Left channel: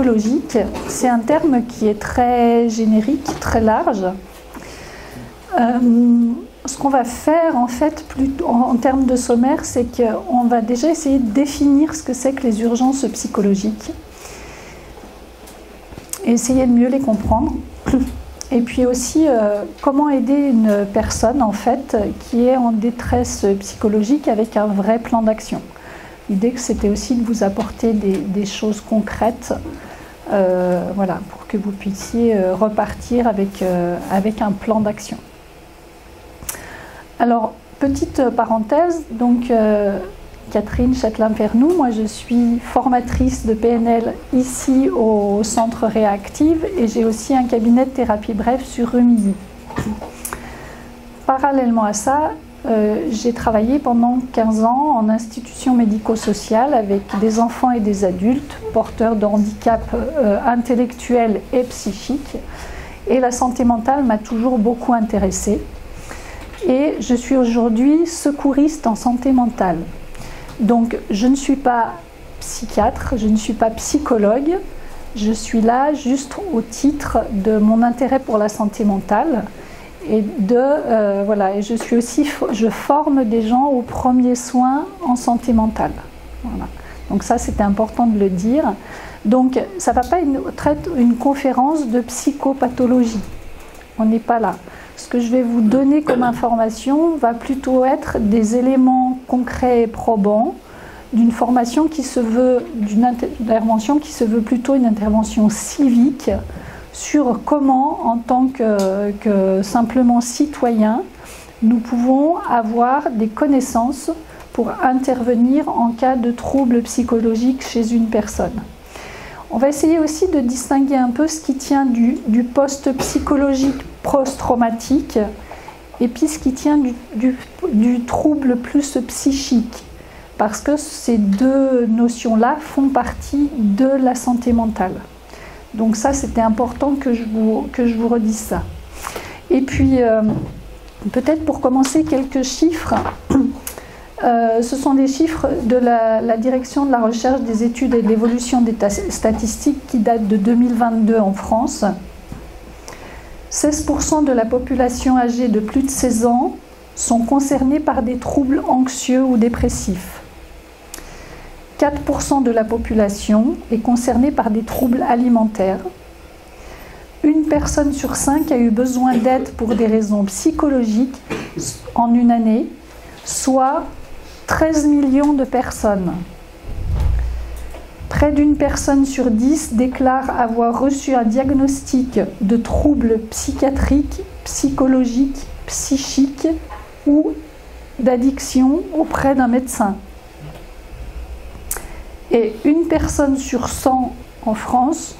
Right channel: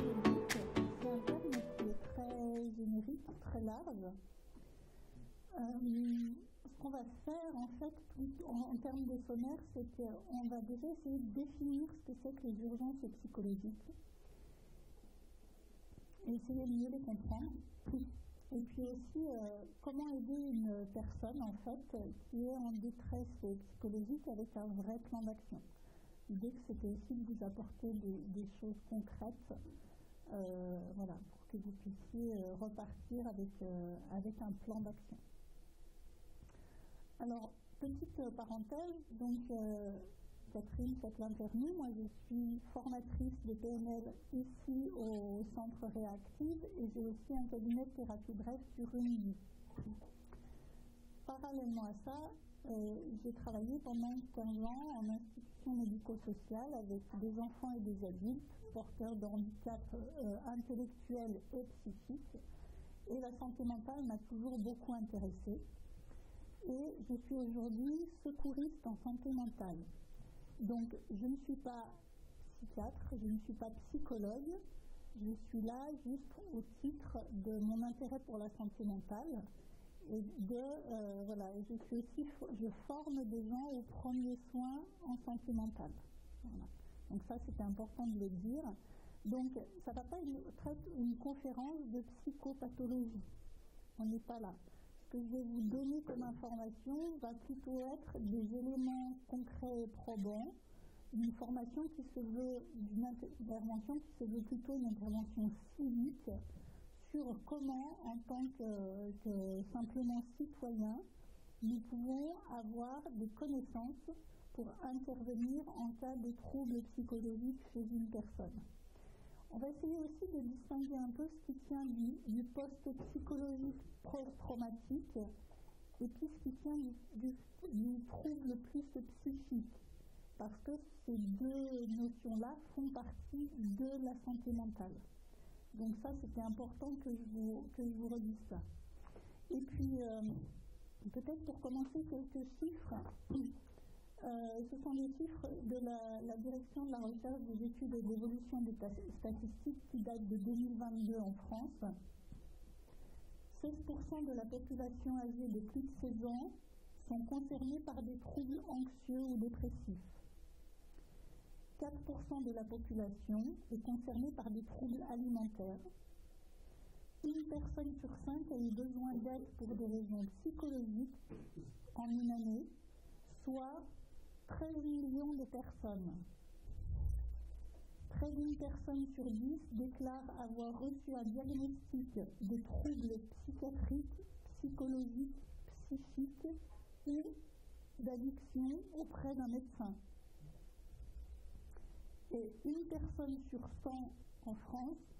psychologique, c'est un terme qui est très générique, très large. Ce qu'on va faire en fait, en termes de sommaire, c'est qu'on va déjà essayer de définir ce que c'est que les urgences psychologiques et essayer de mieux les comprendre. Et puis aussi, comment aider une personne en fait qui est en détresse psychologique avec un vrai plan d'action. L'idée, c'était aussi de vous apporter des choses concrètes, voilà, pour que vous puissiez repartir avec un plan d'action. Alors, petite parenthèse, donc Catherine Châtelain-Pernoud, moi je suis formatrice de PNL ici au Centre Réactive et j'ai aussi un cabinet de thérapie brève sur Rumilly. Parallèlement à ça, j'ai travaillé pendant 15 ans en institution médico-sociale avec des enfants et des adultes porteurs de handicap intellectuel et psychique. Et la santé mentale m'a toujours beaucoup intéressée. Et je suis aujourd'hui secouriste en santé mentale. Donc je ne suis pas psychiatre, je ne suis pas psychologue, je suis là juste au titre de mon intérêt pour la santé mentale. Et voilà, et je forme des gens aux premiers soins en santé mentale. Voilà. Donc ça, c'était important de le dire. Donc ça ne va pas être une conférence de psychopathologie. On n'est pas là. Ce que je vais vous donner comme information va plutôt être des éléments concrets et probants d'une formation qui se veut, d'une intervention qui se veut plutôt une intervention civique sur comment, en tant que simplement citoyen, nous pouvons avoir des connaissances pour intervenir en cas de troubles psychologiques chez une personne. On va essayer aussi de distinguer un peu ce qui tient du post-psychologique post-traumatique et puis ce qui tient du trouble plus psychique, parce que ces deux notions-là font partie de la santé mentale. Donc ça, c'était important que je vous redise ça. Et puis, peut-être pour commencer, quelques chiffres. Ce sont des chiffres de la Direction de la recherche, des études et de l'évolution des statistiques qui datent de 2022 en France. 16% de la population âgée de plus de 16 ans sont concernés par des troubles anxieux ou dépressifs. 4% de la population est concernée par des troubles alimentaires. Une personne sur 5 a eu besoin d'aide pour des raisons psychologiques en une année, soit 13 millions de personnes. Près d'une personne sur 10 déclare avoir reçu un diagnostic de troubles psychiatriques, psychologiques, psychiques ou d'addiction auprès d'un médecin. Et une personne sur 100 en France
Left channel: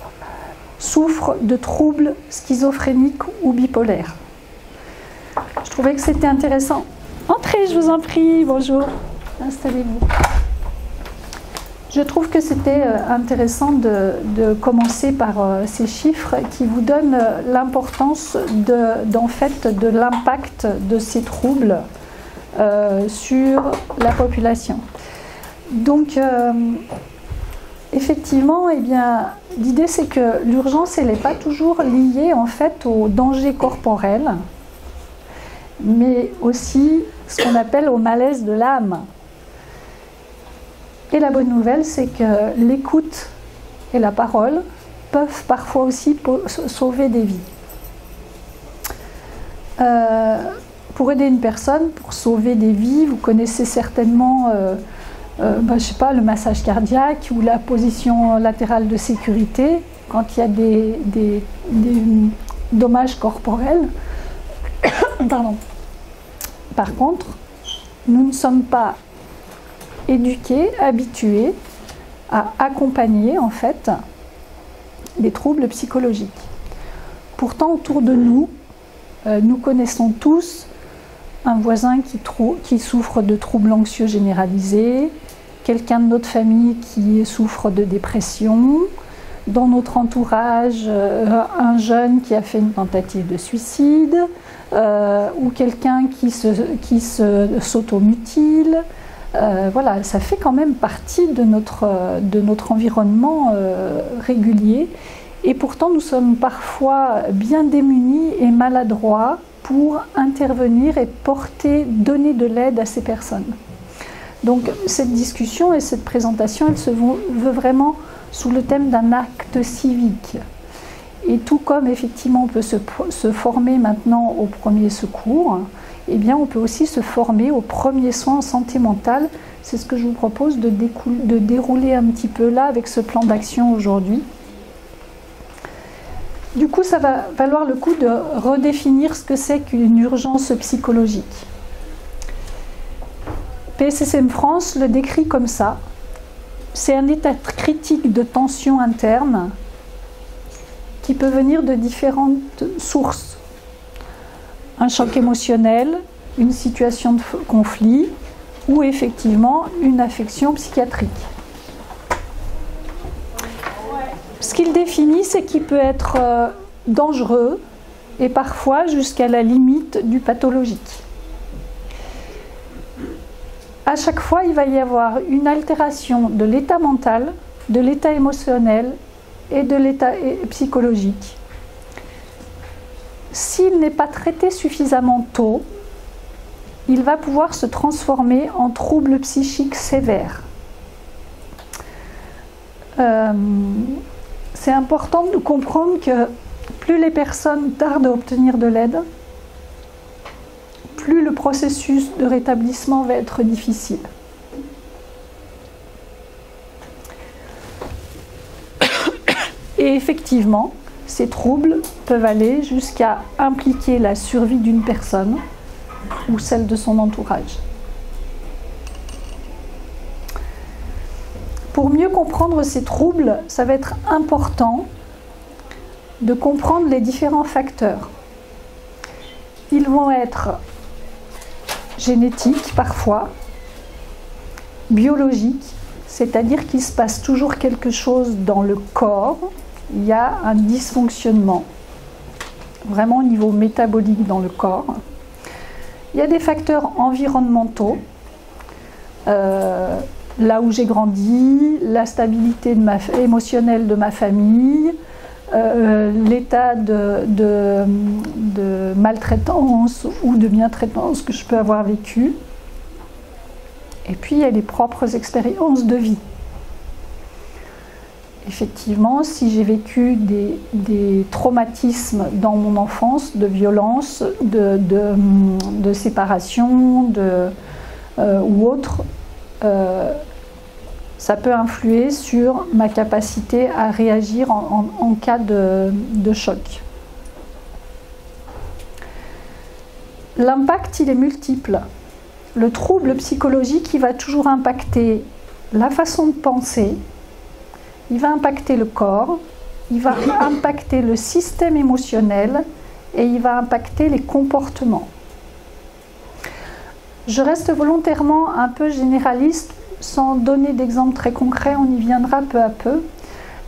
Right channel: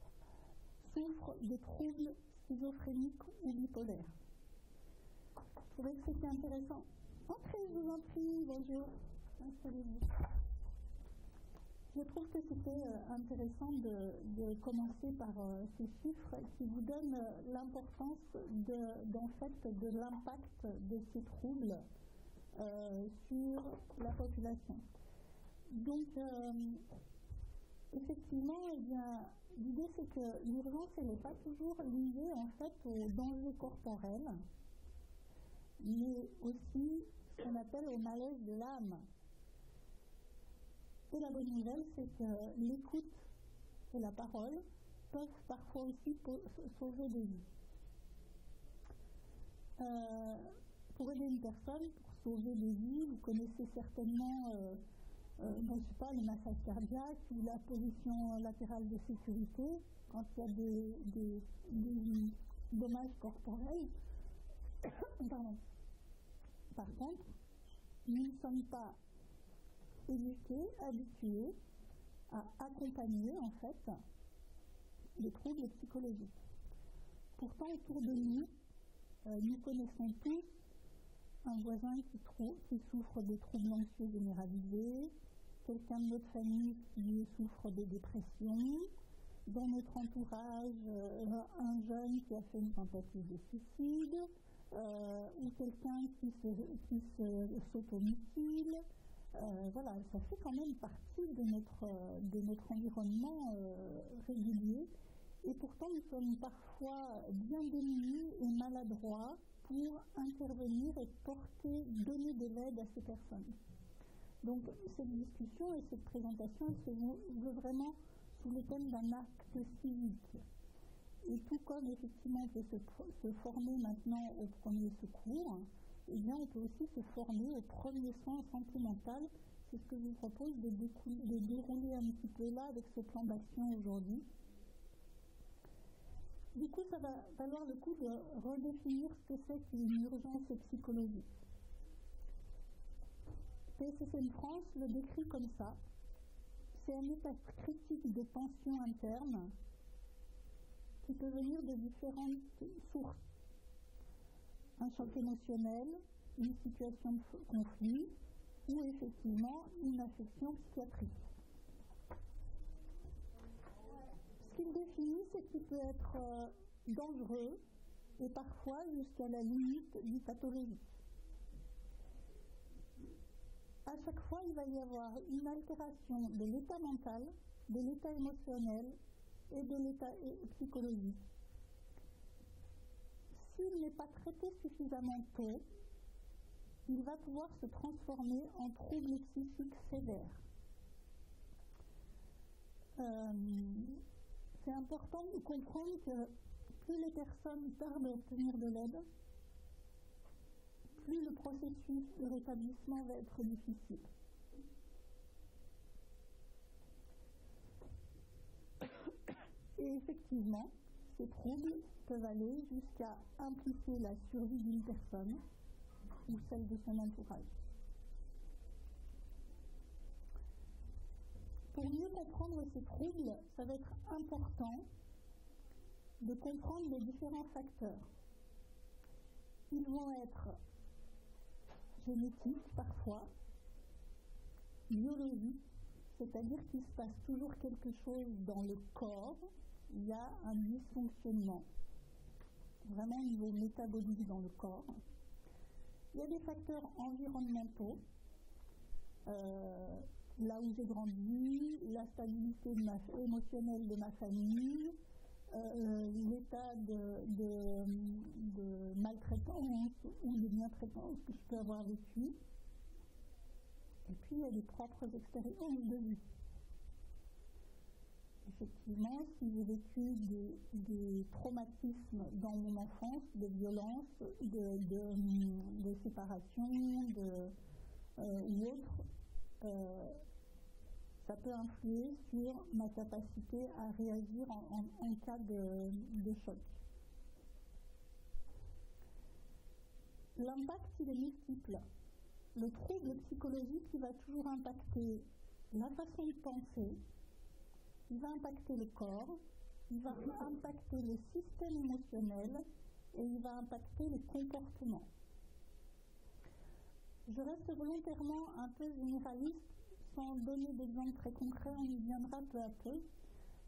souffre de troubles schizophréniques ou bipolaires. Je trouvais que c'était intéressant. Entrez, je vous en prie, bonjour, installez-vous. Je trouve que c'était intéressant de commencer par ces chiffres qui vous donnent l'importance de l'impact de ces troubles sur la population. Donc, effectivement, eh bien, l'idée c'est que l'urgence, elle n'est pas toujours liée en fait au danger corporel, mais aussi ce qu'on appelle au malaise de l'âme. Et la bonne nouvelle, c'est que l'écoute et la parole peuvent parfois aussi sauver des vies. Pour aider une personne, pour sauver des vies, vous connaissez certainement je sais pas, le massage cardiaque ou la position latérale de sécurité quand il y a des dommages corporels. Pardon. Par contre, nous ne sommes pas éduqués, habitués à accompagner en fait des troubles psychologiques. Pourtant, autour de nous, nous connaissons tous un voisin qui souffre de troubles anxieux généralisés, quelqu'un de notre famille qui souffre de dépression, dans notre entourage, un jeune qui a fait une tentative de suicide, ou quelqu'un qui s'automutile, Voilà, ça fait quand même partie de notre environnement régulier. Et pourtant, nous sommes parfois bien démunis et maladroits pour intervenir et donner de l'aide à ces personnes. Donc cette discussion et cette présentation, elle se veut vraiment sous le thème d'un acte civique. Et tout comme effectivement on peut se former maintenant au premier secours, eh bien on peut aussi se former aux premiers soins en santé mentale. C'est ce que je vous propose de dérouler un petit peu là avec ce plan d'action aujourd'hui. Du coup, ça va valoir le coup de redéfinir ce que c'est qu'une urgence psychologique. PSSM France le décrit comme ça. C'est un état critique de tension interne qui peut venir de différentes sources. Un choc émotionnel, une situation de conflit ou effectivement une affection psychiatrique. Ce qu'il définit, c'est qu'il peut être dangereux et parfois jusqu'à la limite du pathologique. À chaque fois, il va y avoir une altération de l'état mental, de l'état émotionnel et de l'état psychologique. S'il n'est pas traité suffisamment tôt, il va pouvoir se transformer en trouble psychique sévère. C'est important de comprendre que plus les personnes tardent à obtenir de l'aide, plus le processus de rétablissement va être difficile. Et effectivement, ces troubles peuvent aller jusqu'à impliquer la survie d'une personne ou celle de son entourage. Pour mieux comprendre ces troubles, ça va être important de comprendre les différents facteurs. Ils vont être génétiques parfois, biologiques, c'est-à-dire qu'il se passe toujours quelque chose dans le corps, il y a un dysfonctionnement, vraiment au niveau métabolique dans le corps. Il y a des facteurs environnementaux, là où j'ai grandi, la stabilité émotionnelle de ma famille, l'état de maltraitance ou de bientraitance que je peux avoir vécu. Et puis il y a les propres expériences de vie. Effectivement, si j'ai vécu des traumatismes dans mon enfance, de violence, de séparation ou autre, ça peut influer sur ma capacité à réagir en cas de choc. L'impact, il est multiple. Le trouble psychologique, il va toujours impacter la façon de penser, il va impacter le corps, il va impacter le système émotionnel et il va impacter les comportements. Je reste volontairement un peu généraliste sans donner d'exemples très concrets, on y viendra peu à peu.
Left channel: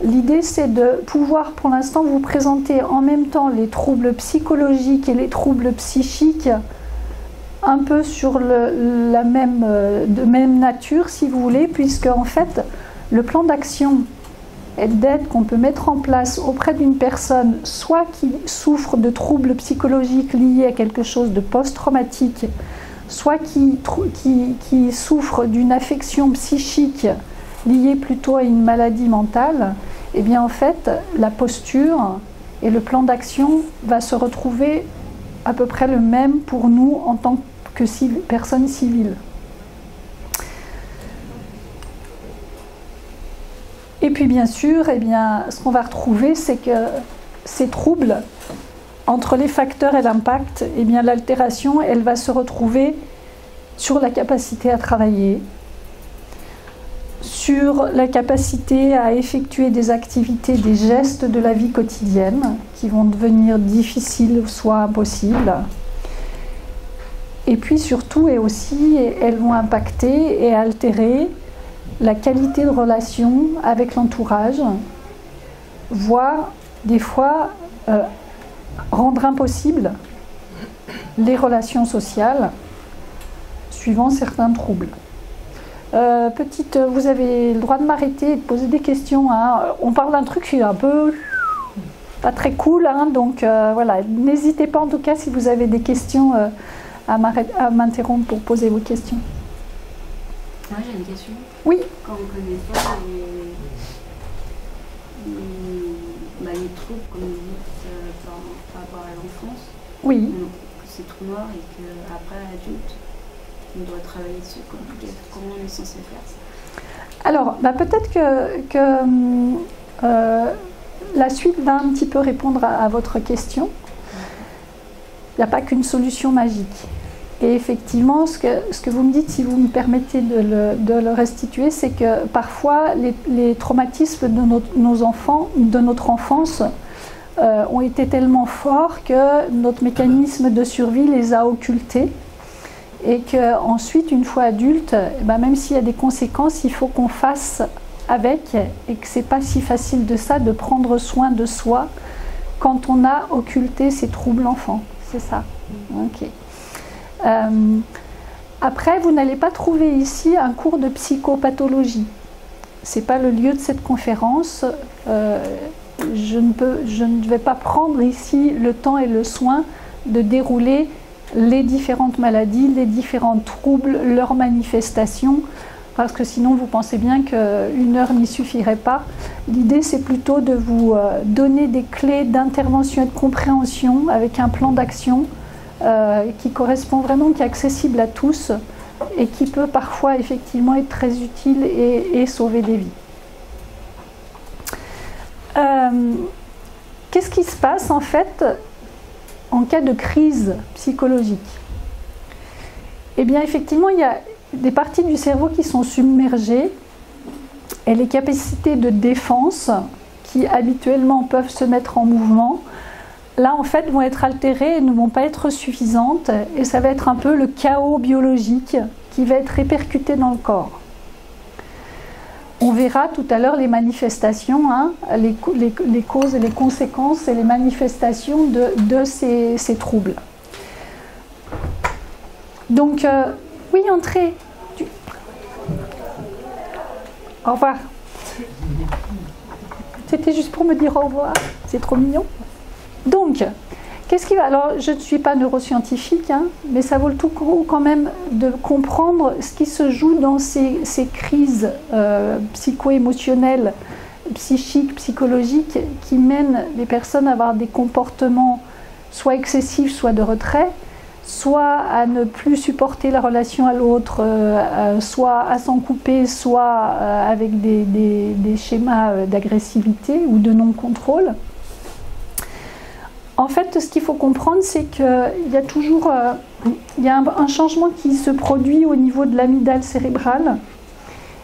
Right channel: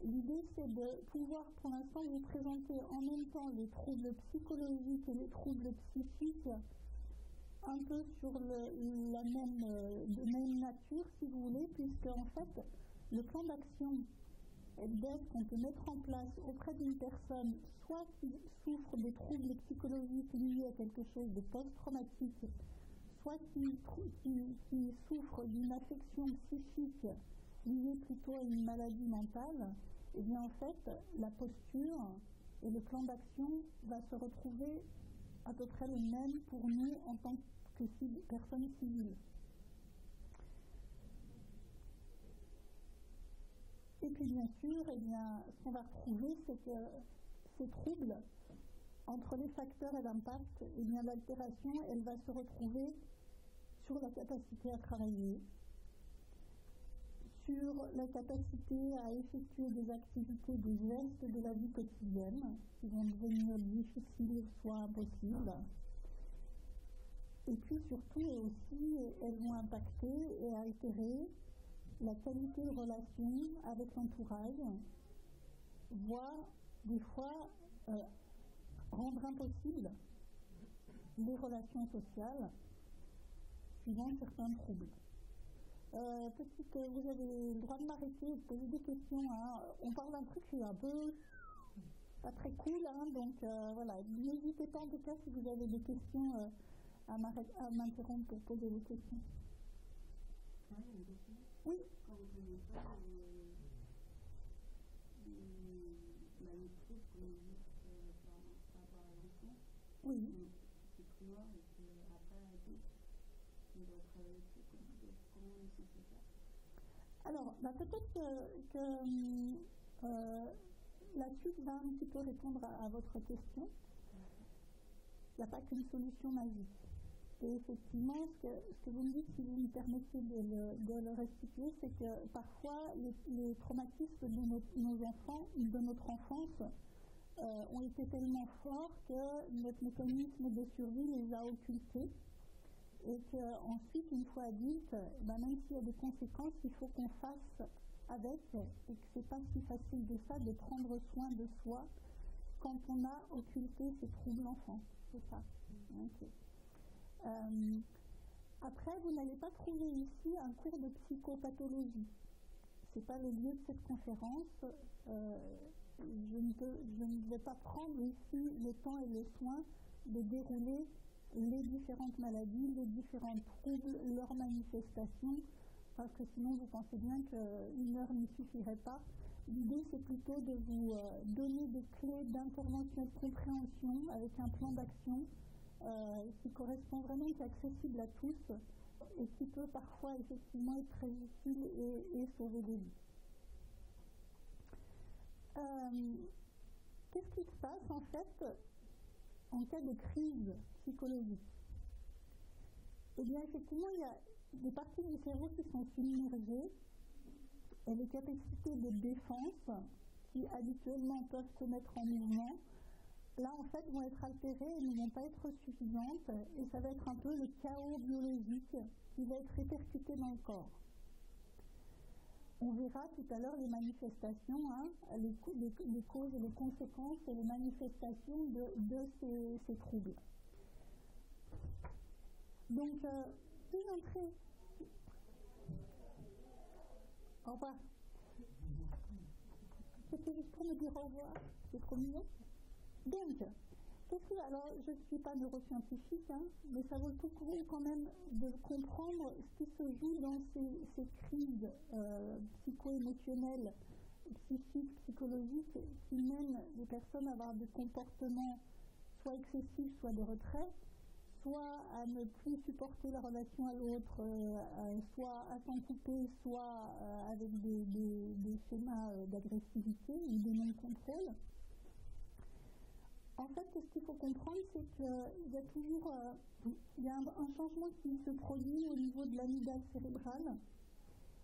L'idée, c'est de pouvoir pour l'instant vous présenter en même temps les troubles psychologiques et les troubles psychiques un peu sur de même nature, si vous voulez, puisque en fait, le plan d'action et d'aide qu'on peut mettre en place auprès d'une personne, soit qui souffre de troubles psychologiques liés à quelque chose de post-traumatique, soit qui souffre d'une affection psychique liée plutôt à une maladie mentale, eh bien en fait, la posture et le plan d'action va se retrouver à peu près le même pour nous en tant que personnes civiles. Et puis bien sûr, eh bien, ce qu'on va retrouver, c'est que ces troubles, entre les facteurs et l'impact, eh bien, l'altération, elle va se retrouver sur la capacité à travailler, sur la capacité à effectuer des activités, des gestes de la vie quotidienne qui vont devenir difficiles, soit impossibles. Et puis surtout, et aussi, elles vont impacter et altérer la qualité de relation avec l'entourage, voire des fois rendre impossible les relations sociales suivant certains troubles. Vous avez le droit de m'arrêter et de poser des questions. Hein. On parle d'un truc qui est un peu pas très cool, hein, donc voilà. N'hésitez pas en tout cas si vous avez des questions à m'interrompre pour poser vos questions. Moi j'ai une question. Oui. Quand on ne connaît pas les troubles, comme vous dites, par rapport à l'enfance, oui. Que c'est trop noir et qu'après, adulte, on doit travailler dessus. Comment on est censé faire ça? Alors, peut-être que la suite va un petit peu répondre à votre question. Il n'y a pas qu'une solution magique. Et effectivement, ce que vous me dites, si vous me permettez de le restituer, c'est que parfois les traumatismes de nos enfants, de notre enfance, ont été tellement forts que notre mécanisme de survie les a occultés. Et qu'ensuite, une fois adulte, même s'il y a des conséquences, il faut qu'on fasse avec, et que ce n'est pas si facile de prendre soin de soi quand on a occulté ces troubles enfants. C'est ça. Ok. Après, vous n'allez pas trouver ici un cours de psychopathologie. Ce n'est pas le lieu de cette conférence. Je ne vais pas prendre ici le temps et le soin de dérouler les différentes maladies, les différents troubles, leurs manifestations, parce que sinon vous pensez bien qu'une heure n'y suffirait pas. L'idée, c'est plutôt de vous donner des clés d'intervention et de compréhension avec un plan d'action qui correspond vraiment, qui est accessible à tous et qui peut parfois effectivement être très utile et sauver des vies. Qu'est-ce qui se passe en fait en cas de crise psychologique? Eh bien, effectivement, il y a des parties du cerveau qui sont submergées et les capacités de défense qui habituellement peuvent se mettre en mouvement, là, en fait, vont être altérées et ne vont pas être suffisantes. Et ça va être un peu le chaos biologique qui va être répercuté dans le corps. On verra tout à l'heure les manifestations, hein, les causes et les conséquences et les manifestations de ces troubles. Donc, oui, entrez. Au revoir. C'était juste pour me dire au revoir. C'est trop mignon. Donc, qu'est-ce qui va... Alors, je ne suis pas neuroscientifique, hein, mais ça vaut le tout quand même de comprendre ce qui se joue dans ces crises psycho-émotionnelles, psychiques, psychologiques, qui mènent les personnes à avoir des comportements soit excessifs, soit de retrait, soit à ne plus supporter la relation à l'autre, soit à s'en couper, soit avec des schémas d'agressivité ou de non-contrôle. En fait, ce qu'il faut comprendre, c'est qu'il y a toujours un changement qui se produit au niveau de l'amygdale cérébrale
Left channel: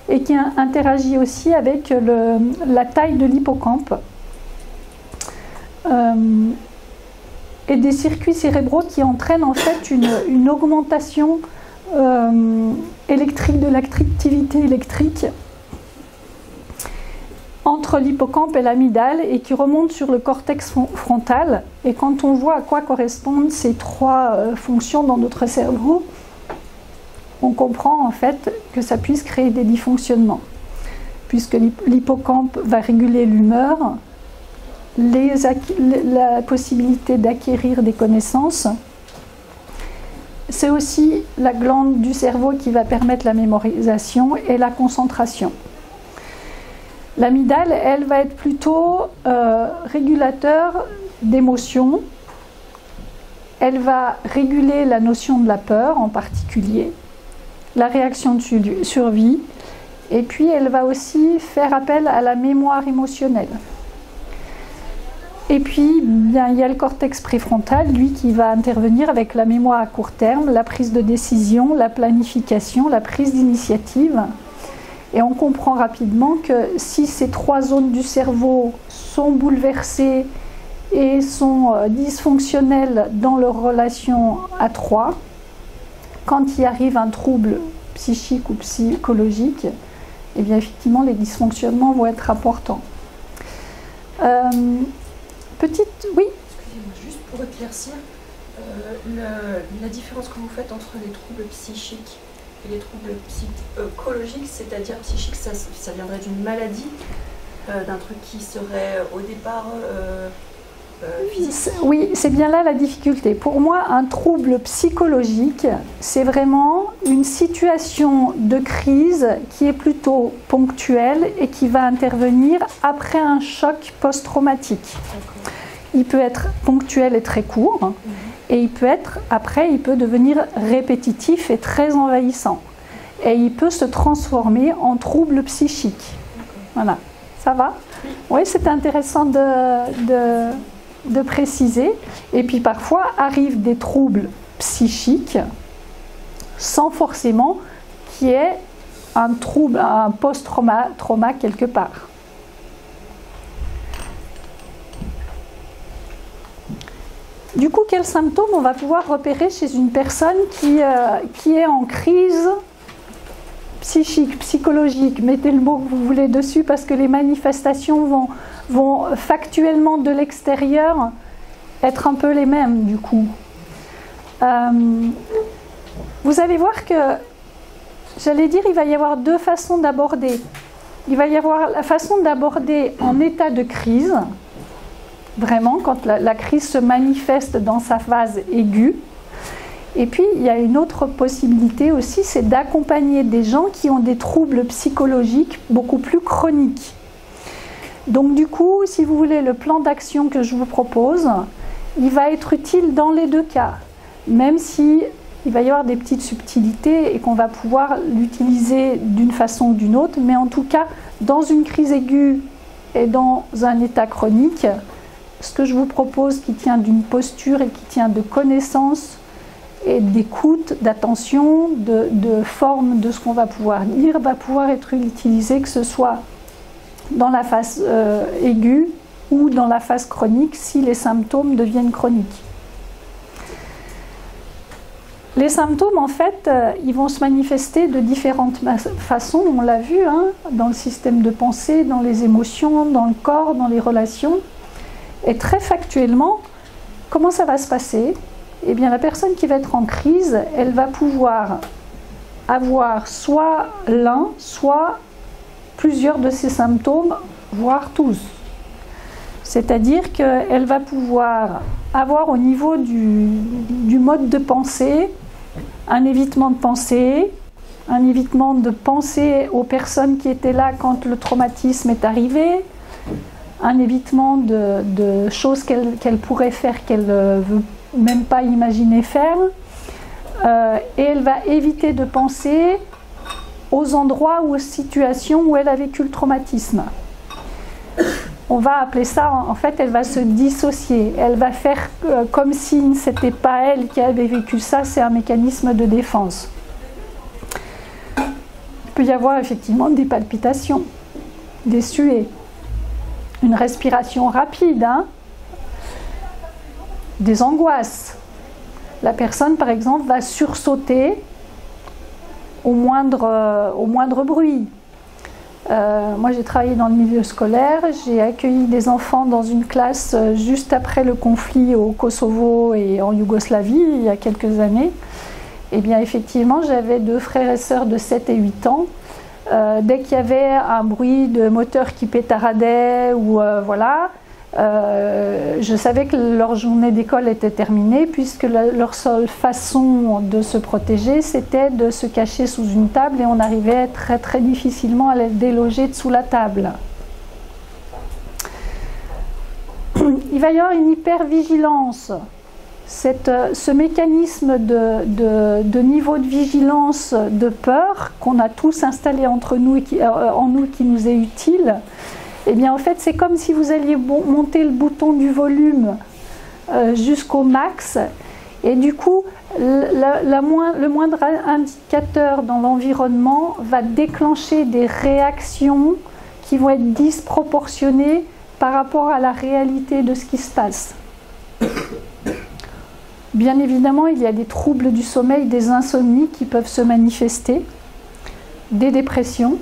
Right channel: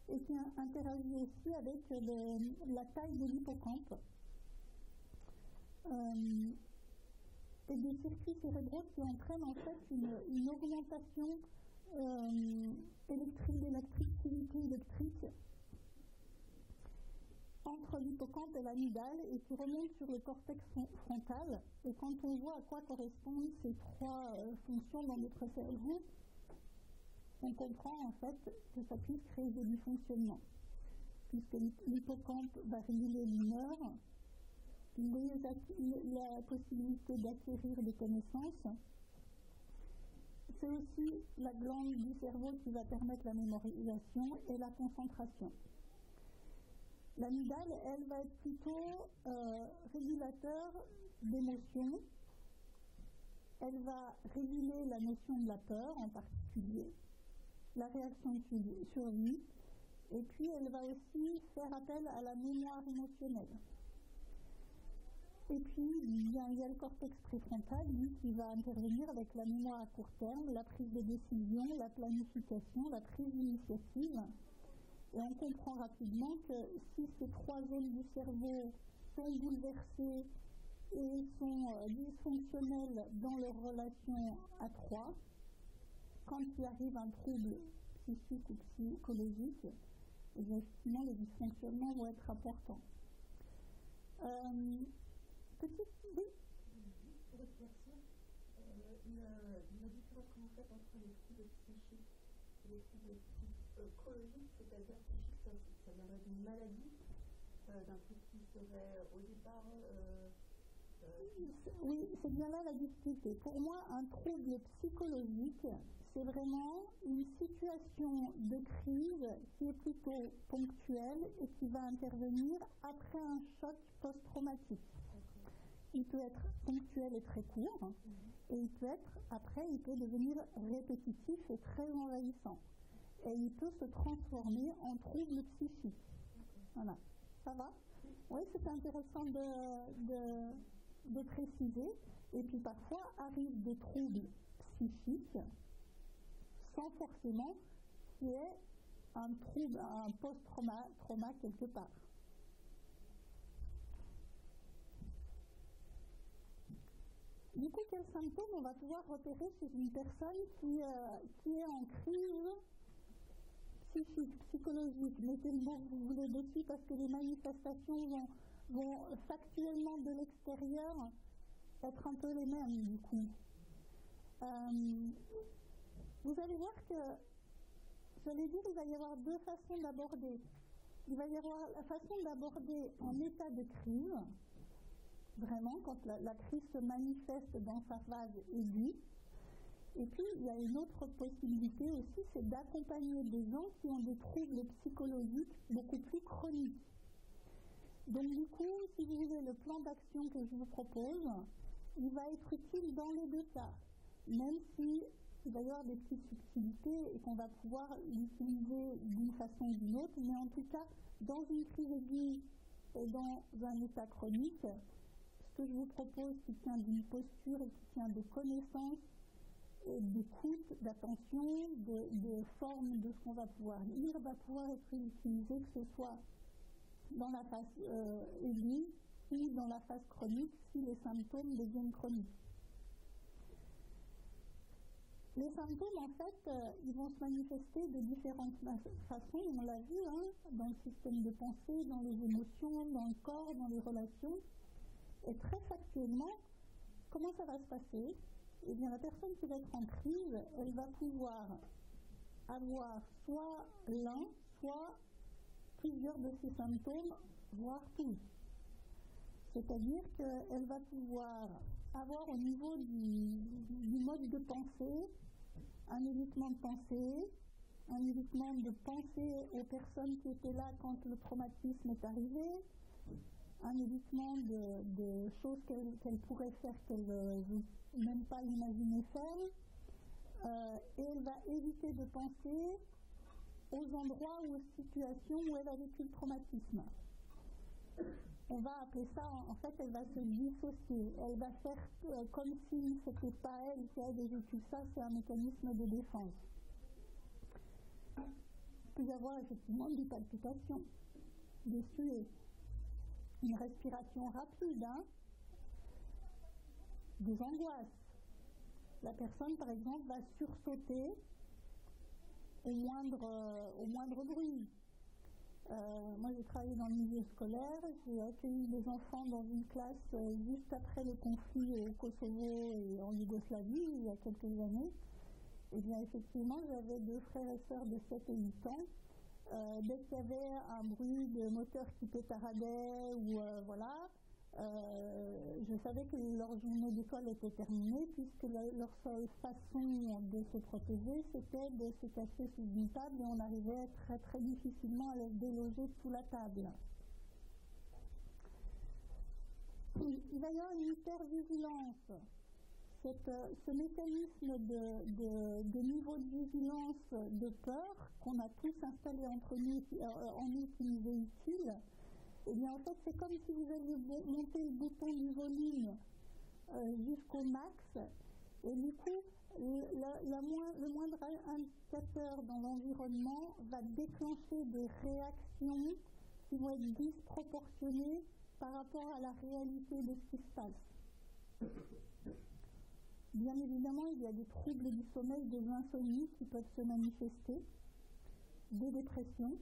et qui interagit aussi avec la taille de l'hippocampe et des circuits cérébraux qui entraînent en fait une augmentation électrique de l'activité électrique entre l'hippocampe et l'amygdale et qui remonte sur le cortex frontal. Et quand on voit à quoi correspondent ces trois fonctions dans notre cerveau, on comprend en fait que ça puisse créer des dysfonctionnements, puisque l'hippocampe va réguler l'humeur, la possibilité d'acquérir des connaissances. C'est aussi la glande du cerveau qui va permettre la mémorisation et la concentration. L'amygdale, elle, va être plutôt régulateur d'émotions. Elle va réguler la notion de la peur en particulier, la réaction de survie, et puis elle va aussi faire appel à la mémoire émotionnelle. Et puis, bien, il y a le cortex préfrontal, lui, qui va intervenir avec la mémoire à court terme, la prise de décision, la planification, la prise d'initiative. Et on comprend rapidement que si ces trois zones du cerveau sont bouleversées et sont dysfonctionnelles dans leur relation à trois, quand il arrive un trouble psychique ou psychologique, eh bien effectivement les dysfonctionnements vont être importants. Oui. Excusez-moi, juste pour éclaircir, la différence que vous faites entre les troubles psychiques Et les troubles psychologiques, c'est-à-dire psychiques, ça viendrait d'une maladie, d'un truc qui serait au départ physique? Oui, c'est bien là la difficulté. Pour moi, un trouble psychologique, c'est vraiment une situation de crise qui est plutôt ponctuelle et qui va intervenir après un choc post-traumatique. Il peut être ponctuel et très court, et il peut devenir répétitif et très envahissant. Et il peut se transformer en trouble psychique. Voilà, ça va? Oui, c'est intéressant de préciser. Et puis parfois arrivent des troubles psychiques sans forcément qu'il y ait un trouble, un post-trauma quelque part. Du coup, quels symptômes on va pouvoir repérer chez une personne qui est en crise psychique, psychologique? Mettez le mot que vous voulez dessus parce que les manifestations vont factuellement de l'extérieur être un peu les mêmes du coup. Vous allez voir que, j'allais dire, il va y avoir deux façons d'aborder. Il va y avoir la façon d'aborder en état de crise, vraiment quand la crise se manifeste dans sa phase aiguë. Et puis il y a une autre possibilité aussi, c'est d'accompagner des gens qui ont des troubles psychologiques beaucoup plus chroniques. Donc du coup, si vous voulez, le plan d'action que je vous propose, il va être utile dans les deux cas, même si il va y avoir des petites subtilités et qu'on va pouvoir l'utiliser d'une façon ou d'une autre, mais en tout cas, dans une crise aiguë et dans un état chronique, ce que je vous propose qui tient d'une posture et qui tient de connaissance et d'écoute, d'attention, de forme de ce qu'on va pouvoir dire, va pouvoir être utilisé, que ce soit dans la phase aiguë ou dans la phase chronique si les symptômes deviennent chroniques. Les symptômes, en fait, ils vont se manifester de différentes façons, on l'a vu, hein, dans le système de pensée, dans les émotions, dans le corps, dans les relations. Et très factuellement, comment ça va se passer? Eh bien, la personne qui va être en crise, elle va pouvoir avoir soit l'un, soit plusieurs de ces symptômes, voire tous. C'est-à-dire qu'elle va pouvoir avoir au niveau du mode de pensée un évitement de penser aux personnes qui étaient là quand le traumatisme est arrivé, un évitement de choses qu'elle pourrait faire qu'elle ne veut même pas imaginer faire, et elle va éviter de penser aux endroits ou aux situations où elle a vécu le traumatisme. On va appeler ça, en fait, elle va se dissocier. Elle va faire comme si ce n'était pas elle qui avait vécu ça, c'est un mécanisme de défense. Il peut y avoir effectivement des palpitations, des suées, une respiration rapide, hein, des angoisses. La personne, par exemple, va sursauter au moindre bruit. Moi, j'ai travaillé dans le milieu scolaire, j'ai accueilli des enfants dans une classe juste après le conflit au Kosovo et en Yougoslavie, il y a quelques années. Eh bien, effectivement, j'avais 2 frères et sœurs de 7 et 8 ans. Dès qu'il y avait un bruit de moteur qui pétaradait, ou voilà, je savais que leur journée d'école était terminée, puisque leur seule façon de se protéger, c'était de se cacher sous une table, et on arrivait très très difficilement à les déloger sous la table. Il va y avoir une hypervigilance. Ce mécanisme de niveau de vigilance, de peur qu'on a tous installé entre nous et en nous, qui nous est utile, eh bien, en fait, c'est comme si vous alliez monter le bouton du volume jusqu'au max, et du coup, le moindre indicateur dans l'environnement va déclencher des réactions qui vont être disproportionnées par rapport à la réalité de ce qui se passe. Bien évidemment, il y a des troubles du sommeil, des insomnies qui peuvent se manifester, des dépressions.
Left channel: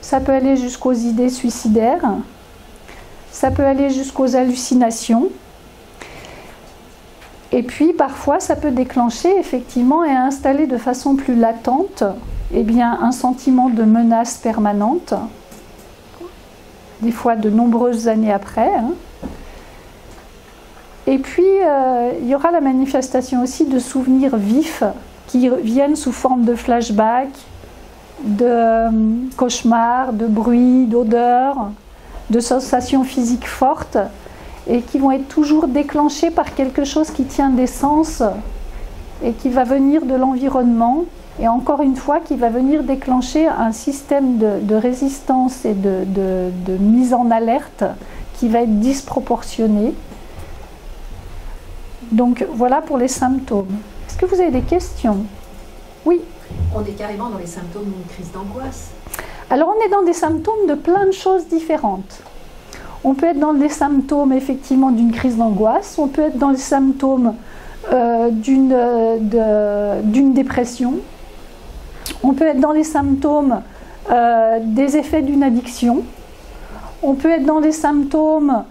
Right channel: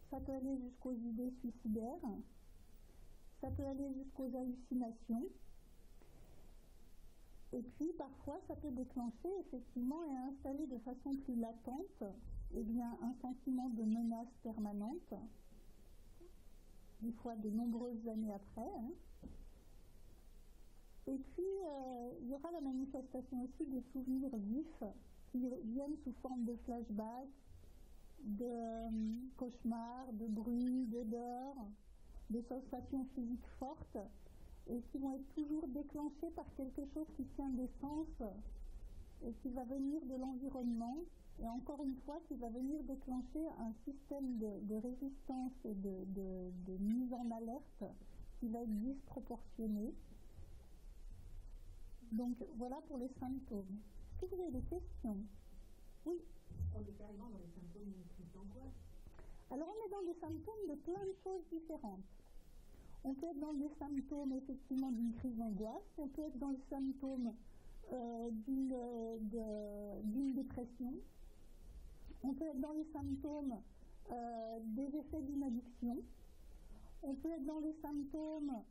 Ça peut aller jusqu'aux idées suicidaires, ça peut aller jusqu'aux hallucinations. Et puis parfois ça peut déclencher effectivement et installer de façon plus latente un sentiment de menace permanente, des fois de nombreuses années après. Et puis il y aura la manifestation aussi de souvenirs vifs qui viennent sous forme de flashbacks, de cauchemars, de bruits, d'odeurs, de sensations physiques fortes, et qui vont être toujours déclenchés par quelque chose qui tient des sens et qui va venir de l'environnement, et encore une fois qui va venir déclencher un système de résistance et de mise en alerte qui va être disproportionné. Donc voilà pour les symptômes. Est-ce que vous avez des questions? Oui. On est carrément dans les symptômes d'une crise d'angoisse. Alors on est dans des symptômes de plein de choses différentes. On peut être dans des symptômes effectivement d'une crise d'angoisse, on peut être dans les symptômes d'une dépression, on peut être dans les symptômes des effets d'une addiction, on peut être dans les symptômes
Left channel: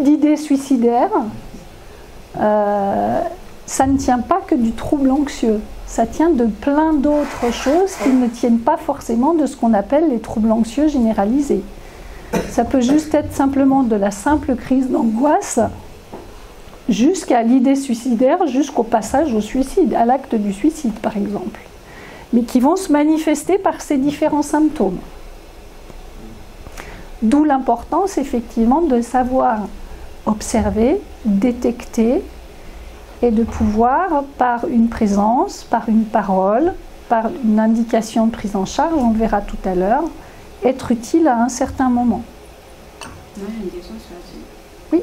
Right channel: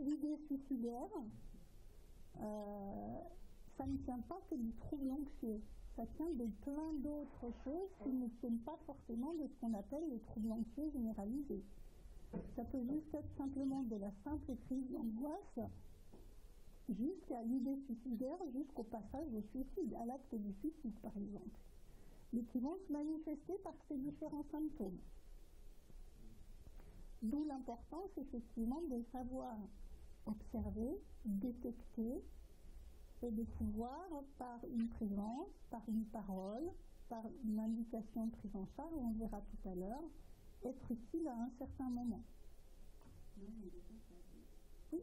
d'idées suicidaires. Ça ne tient pas que du trouble anxieux. Ça tient de plein d'autres choses qui ne tiennent pas forcément de ce qu'on appelle les troubles anxieux généralisés. Ça peut juste être simplement de la simple crise d'angoisse jusqu'à l'idée suicidaire, jusqu'au passage au suicide, à l'acte du suicide par exemple, mais qui vont se manifester par ces différents symptômes. D'où l'importance effectivement de savoir observer, détecter, et de pouvoir, par une présence, par une parole, par une indication de prise en charge, on le verra tout à l'heure, être utile à un certain moment. Moi j'ai une question sur là-dessus. Oui.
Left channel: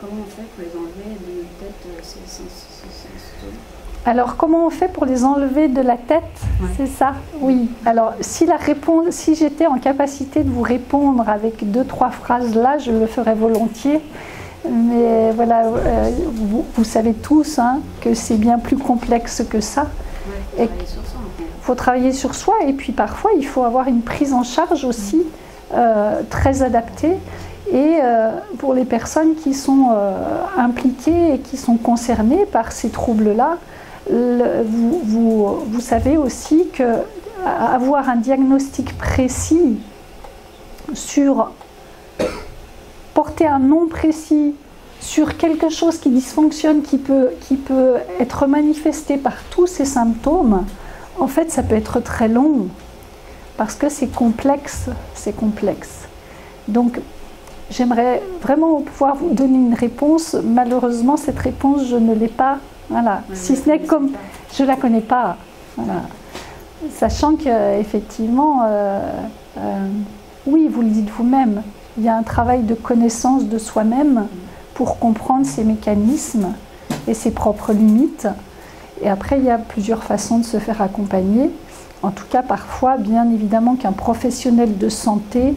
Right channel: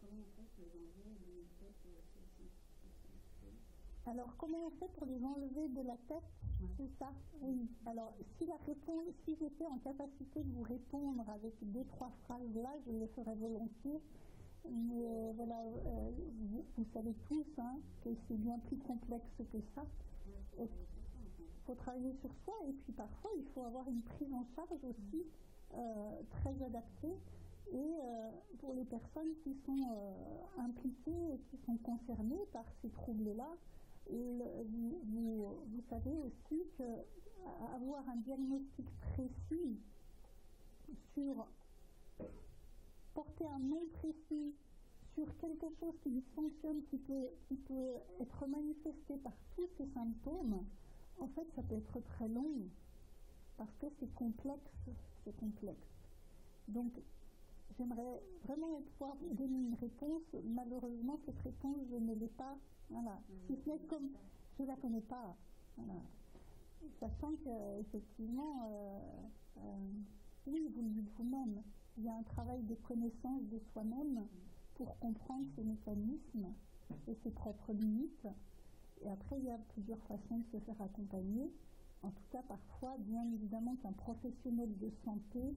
Comment on fait pour les enlever de notre tête ces symptômes? Alors comment on fait pour les enlever de la tête? Ouais. C'est ça? Oui. Alors si j'étais en capacité de vous répondre avec 2-3 phrases là, je le ferais volontiers. Mais voilà, vous savez tous que c'est bien plus complexe que ça. Ouais, il faut travailler sur soi, et puis parfois il faut avoir une prise en charge aussi très adaptée. Et pour les personnes qui sont impliquées et qui sont concernées par ces troubles-là, vous savez aussi qu'avoir un diagnostic précis sur porter un nom précis sur quelque chose qui dysfonctionne, qui peut être manifesté par tous ces symptômes, en fait, ça peut être très long, parce que c'est complexe, c'est complexe. Donc, j'aimerais vraiment pouvoir vous donner une réponse. Malheureusement, cette réponse, je ne l'ai pas. Voilà. Si ce n'est comme... Je ne la connais pas. Voilà. Sachant qu'effectivement, oui, vous le dites vous-même, il y a un travail de connaissance de soi-même pour comprendre ses mécanismes et ses propres limites. Et après, il y a plusieurs façons de se faire accompagner. En tout cas, parfois, bien évidemment qu'un professionnel de santé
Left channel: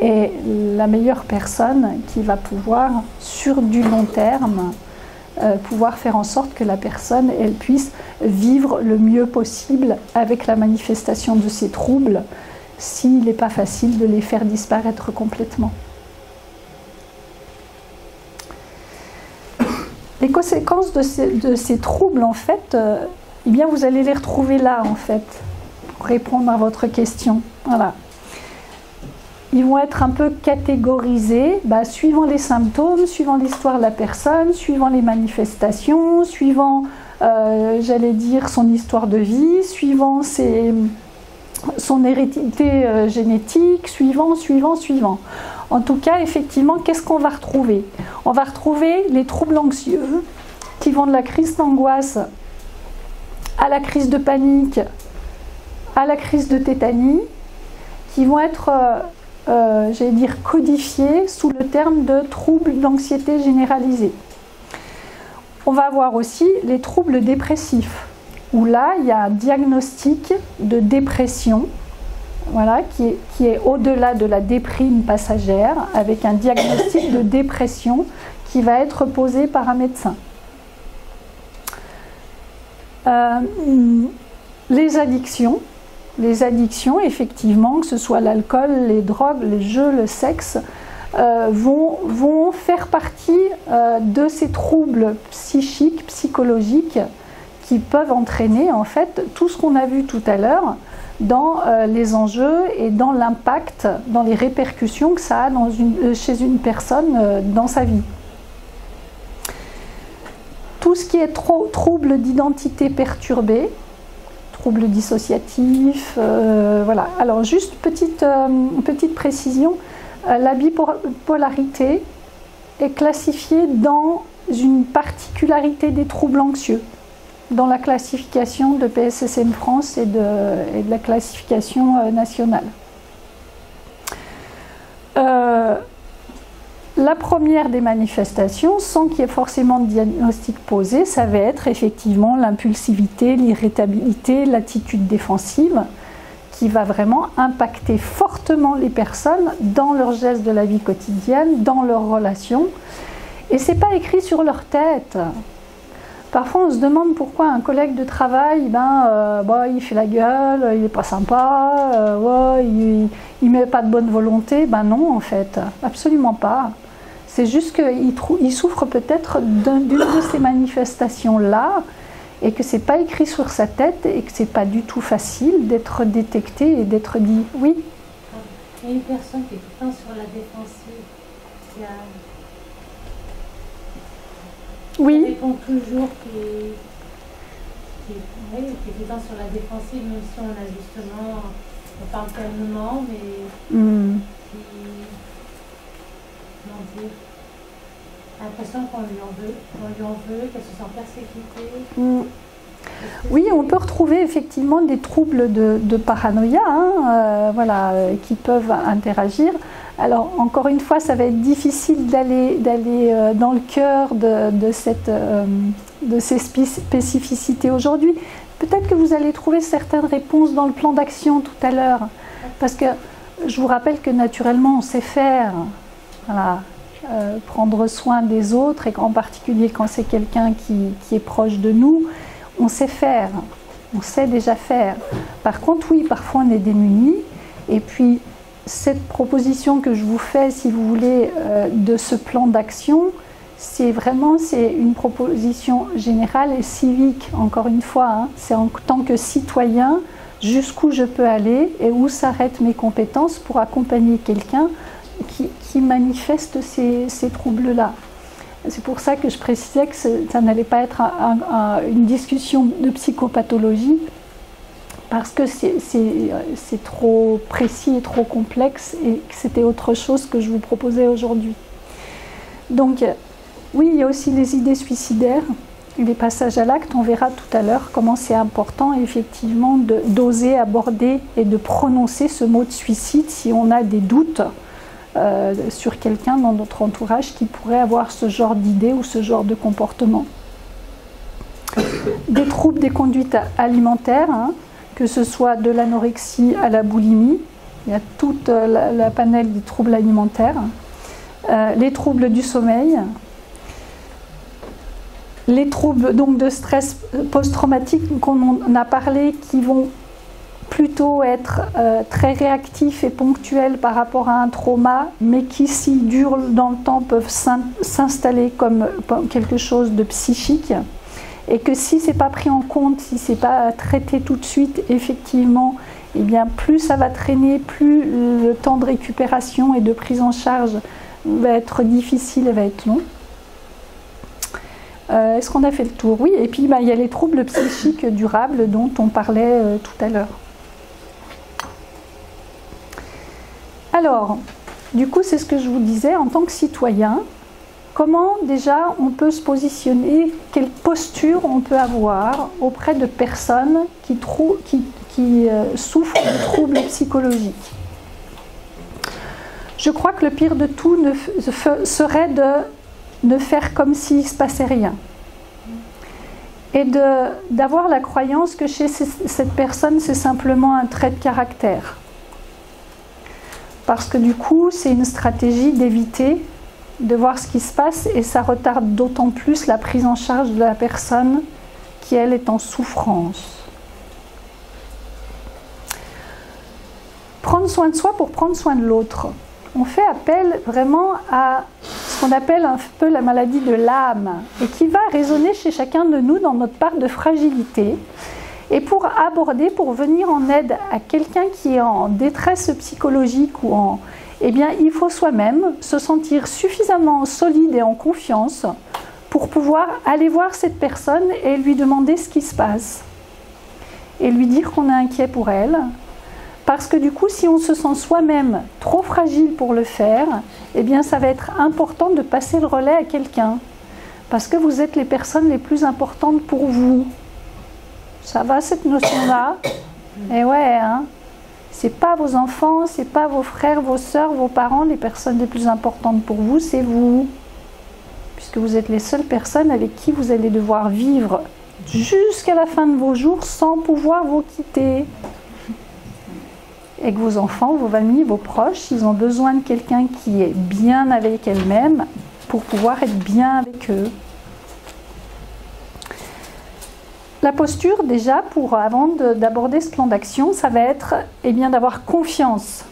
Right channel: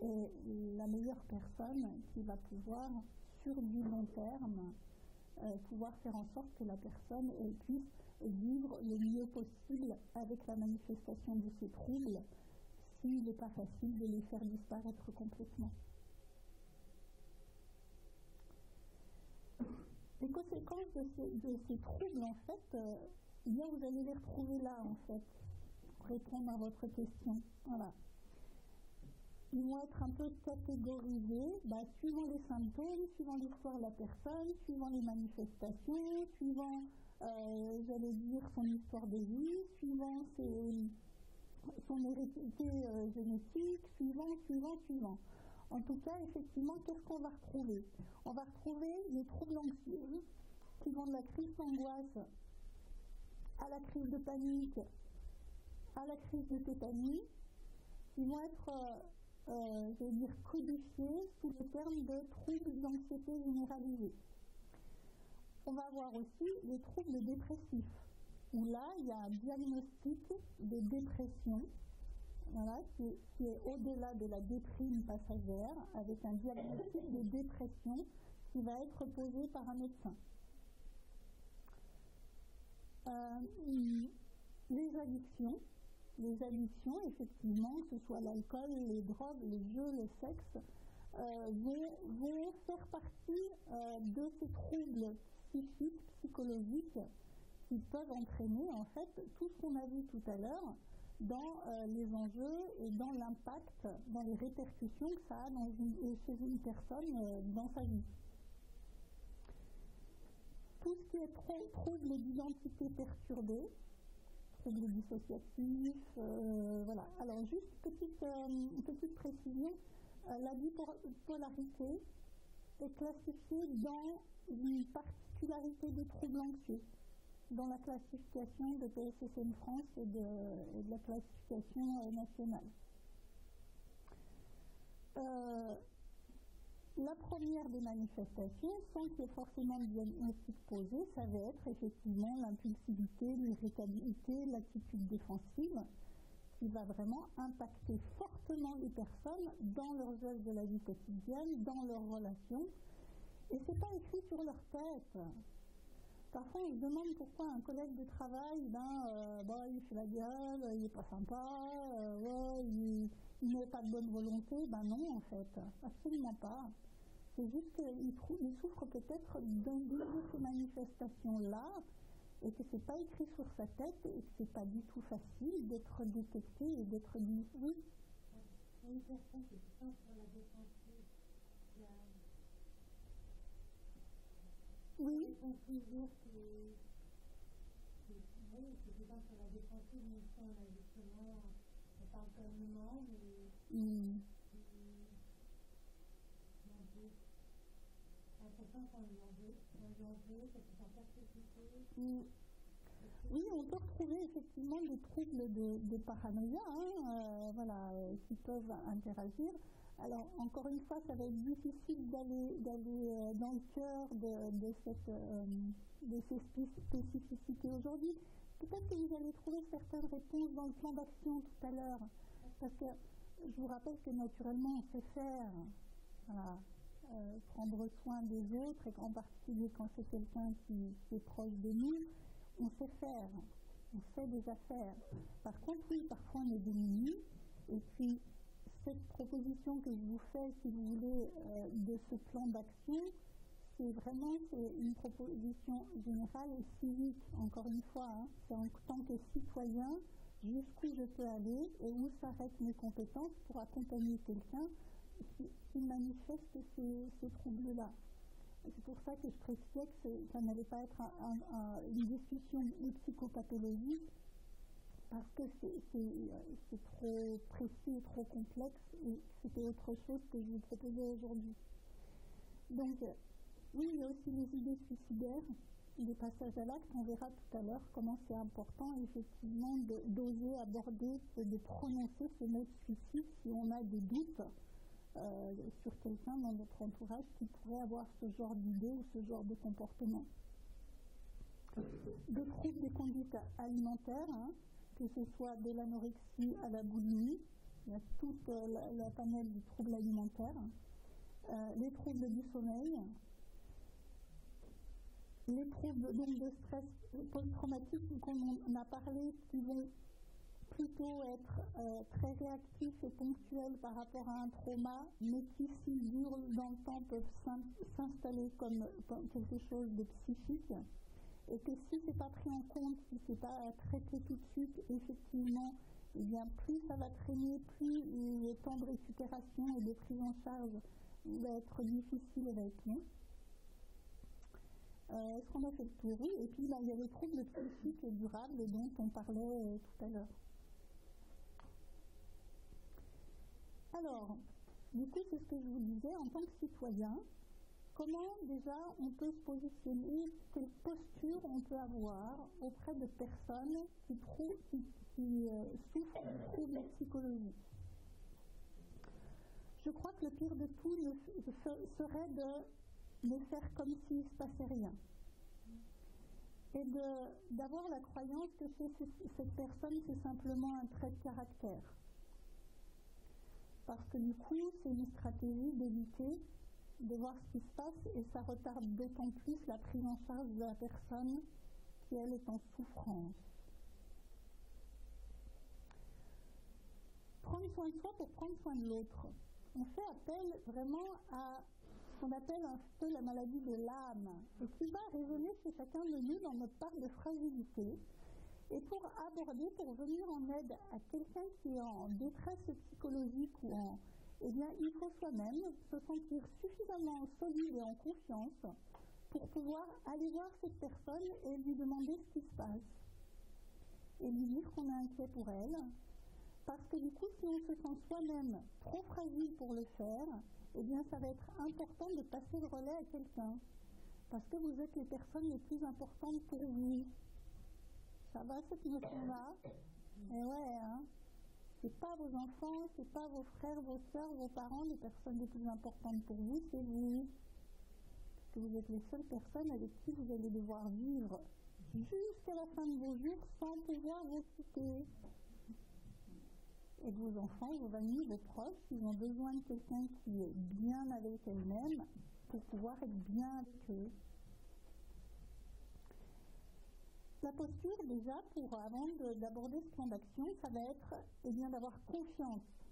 est la meilleure personne qui va pouvoir, sur du long terme, pouvoir faire en sorte que la personne elle puisse vivre le mieux possible avec la manifestation de ses troubles, s'il n'est pas facile de les faire disparaître complètement. Les conséquences de ces troubles, en fait, eh bien, vous allez les retrouver là, en fait, pour répondre à votre question. Voilà. Ils vont être un peu catégorisés, suivant les symptômes, suivant l'histoire de la personne, suivant les manifestations, suivant, j'allais dire, son histoire de vie, suivant son hérédité génétique, suivant. En tout cas, effectivement, qu'est-ce qu'on va retrouver? On va retrouver les troubles anxieux qui vont de la crise d'angoisse à la crise de panique, à la crise de tétanie, qui vont être, j'allais dire, codifiés sous le terme de troubles d'anxiété généralisée. On va avoir aussi les troubles dépressifs, où là, il y a un diagnostic de dépression, voilà, qui est au-delà de la déprime passagère, avec un diagnostic de dépression qui va être posé par un médecin. Les addictions, effectivement, que ce soit l'alcool, les drogues, les jeux, le sexe, vont faire partie de ces troubles psychiques, psychologiques, qui peuvent entraîner en fait tout ce qu'on a vu tout à l'heure dans les enjeux et dans l'impact, dans les répercussions que ça a chez une personne dans sa vie. Tout ce qui est trouble d'identité perturbée, trouble dissociatif, voilà. Alors juste petite précision, la bipolarité est classifiée dans une particularité des troubles anxieux, dans la classification de PSSM France et de la classification nationale. La première des manifestations, sans qu'il y ait forcément de diagnostic posé, ça va être effectivement l'impulsivité, l'irritabilité, l'attitude défensive, qui va vraiment impacter fortement les personnes dans leurs gestes de la vie quotidienne, dans leurs relations. Et ce n'est pas écrit sur leur tête. Parfois, on se demande pourquoi un collègue de travail, il fait la gueule, il n'est pas sympa, il ne met pas de bonne volonté. Ben non, en fait, absolument pas. C'est juste qu'il souffre peut-être d'une de ces manifestations-là et que ce n'est pas écrit sur sa tête et que ce n'est pas du tout facile d'être détecté et d'être dit « oui ». Il y a une personne qui est tout le temps sur la défensive, qui oui. répond toujours, qui est tout le temps sur la défensive, même si on a justement, on parle calmement, mais comment dire, l'impression qu'on lui en veut, qu'elle se sent persécutée. Oui, on peut retrouver effectivement des troubles de paranoïa qui peuvent interagir. Alors, encore une fois, ça va être difficile d'aller dans le cœur de ces spécificités aujourd'hui. Peut-être que vous allez trouver certaines réponses dans le plan d'action tout à l'heure. Parce que je vous rappelle que naturellement, on sait faire. Voilà. Prendre soin des autres, et en particulier quand c'est quelqu'un qui est proche de nous, on sait faire, on sait déjà faire. Par contre, oui, parfois on est démunis, et puis cette proposition que je vous fais, si vous voulez, de ce plan d'action, c'est une proposition générale et civique, encore une fois, c'est en tant que citoyen, jusqu'où je peux aller et où s'arrêtent mes compétences pour accompagner quelqu'un qui manifeste ces troubles-là. C'est pour ça que je précisais que ça n'allait pas être une discussion de psychopathologie, parce que c'est trop précis et trop complexe, et que c'était autre chose que je vous proposais aujourd'hui. Donc, oui, il y a aussi les idées suicidaires, les passages à l'acte. On verra tout à l'heure comment c'est important, effectivement, d'oser aborder et de prononcer ce mot de suicide si on a des doutes sur quelqu'un dans notre entourage qui pourrait avoir ce genre d'idée ou ce genre de comportement. Des troubles des conduites alimentaires, que ce soit de l'anorexie à la boulimie, il y a toute la panel des troubles alimentaires, les troubles du sommeil, les troubles donc de stress post-traumatique qu'on a parlé, qui vont plutôt être très réactifs et ponctuels par rapport à un trauma, mais qui, s'ils durent dans le temps, peuvent s'installer comme quelque chose de psychique. Et que si ce n'est pas pris en compte, si ce n'est pas traité tout de suite, effectivement, eh bien, plus ça va traîner, plus le temps de récupération et de prise en charge va être difficile et va être long. Est-ce qu'on a fait le tour? Oui, et puis il y a les troubles psychiques durables dont on parlait tout à l'heure. Alors, du coup, c'est ce que je vous disais, en tant que citoyen, comment déjà on peut se positionner, quelle posture on peut avoir auprès de personnes qui souffrent de troubles psychologiques. Je crois que le pire de tout serait de ne faire comme s'il ne se passait rien. Et d'avoir la croyance que chez cette personne, c'est simplement un trait de caractère. Parce que du coup, c'est une stratégie d'éviter de voir ce qui se passe, et ça retarde d'autant plus la prise en charge de la personne qui, elle, est en souffrance. Prendre soin de soi pour prendre soin de l'autre. on fait appel vraiment à ce qu'on appelle un peu la maladie de l'âme et qui va résonner chez chacun de nous dans notre part de fragilité. Et pour aborder, pour venir en aide à quelqu'un qui est en détresse psychologique ou en... Eh bien, il faut soi-même se sentir suffisamment solide et en confiance pour pouvoir aller voir cette personne et lui demander ce qui se passe. Et lui dire qu'on est inquiet pour elle. Parce que du coup, si on se sent soi-même trop fragile pour le faire, eh bien, ça va être important de passer le relais à quelqu'un. Parce que vous êtes les personnes les plus importantes pour vous. Ça va, cette notion-là? Eh ouais, hein? C'est pas vos enfants, c'est pas vos frères, vos sœurs, vos parents, les personnes les plus importantes pour vous, c'est vous. Puisque vous êtes les seules personnes avec qui vous allez devoir vivre jusqu'à la fin de vos jours sans pouvoir vous quitter. Et que vos enfants, vos amis, vos proches, ils ont besoin de quelqu'un qui est bien avec elles-mêmes pour pouvoir être bien avec eux. La posture, déjà, avant d'aborder ce plan d'action, ça va être d'avoir confiance.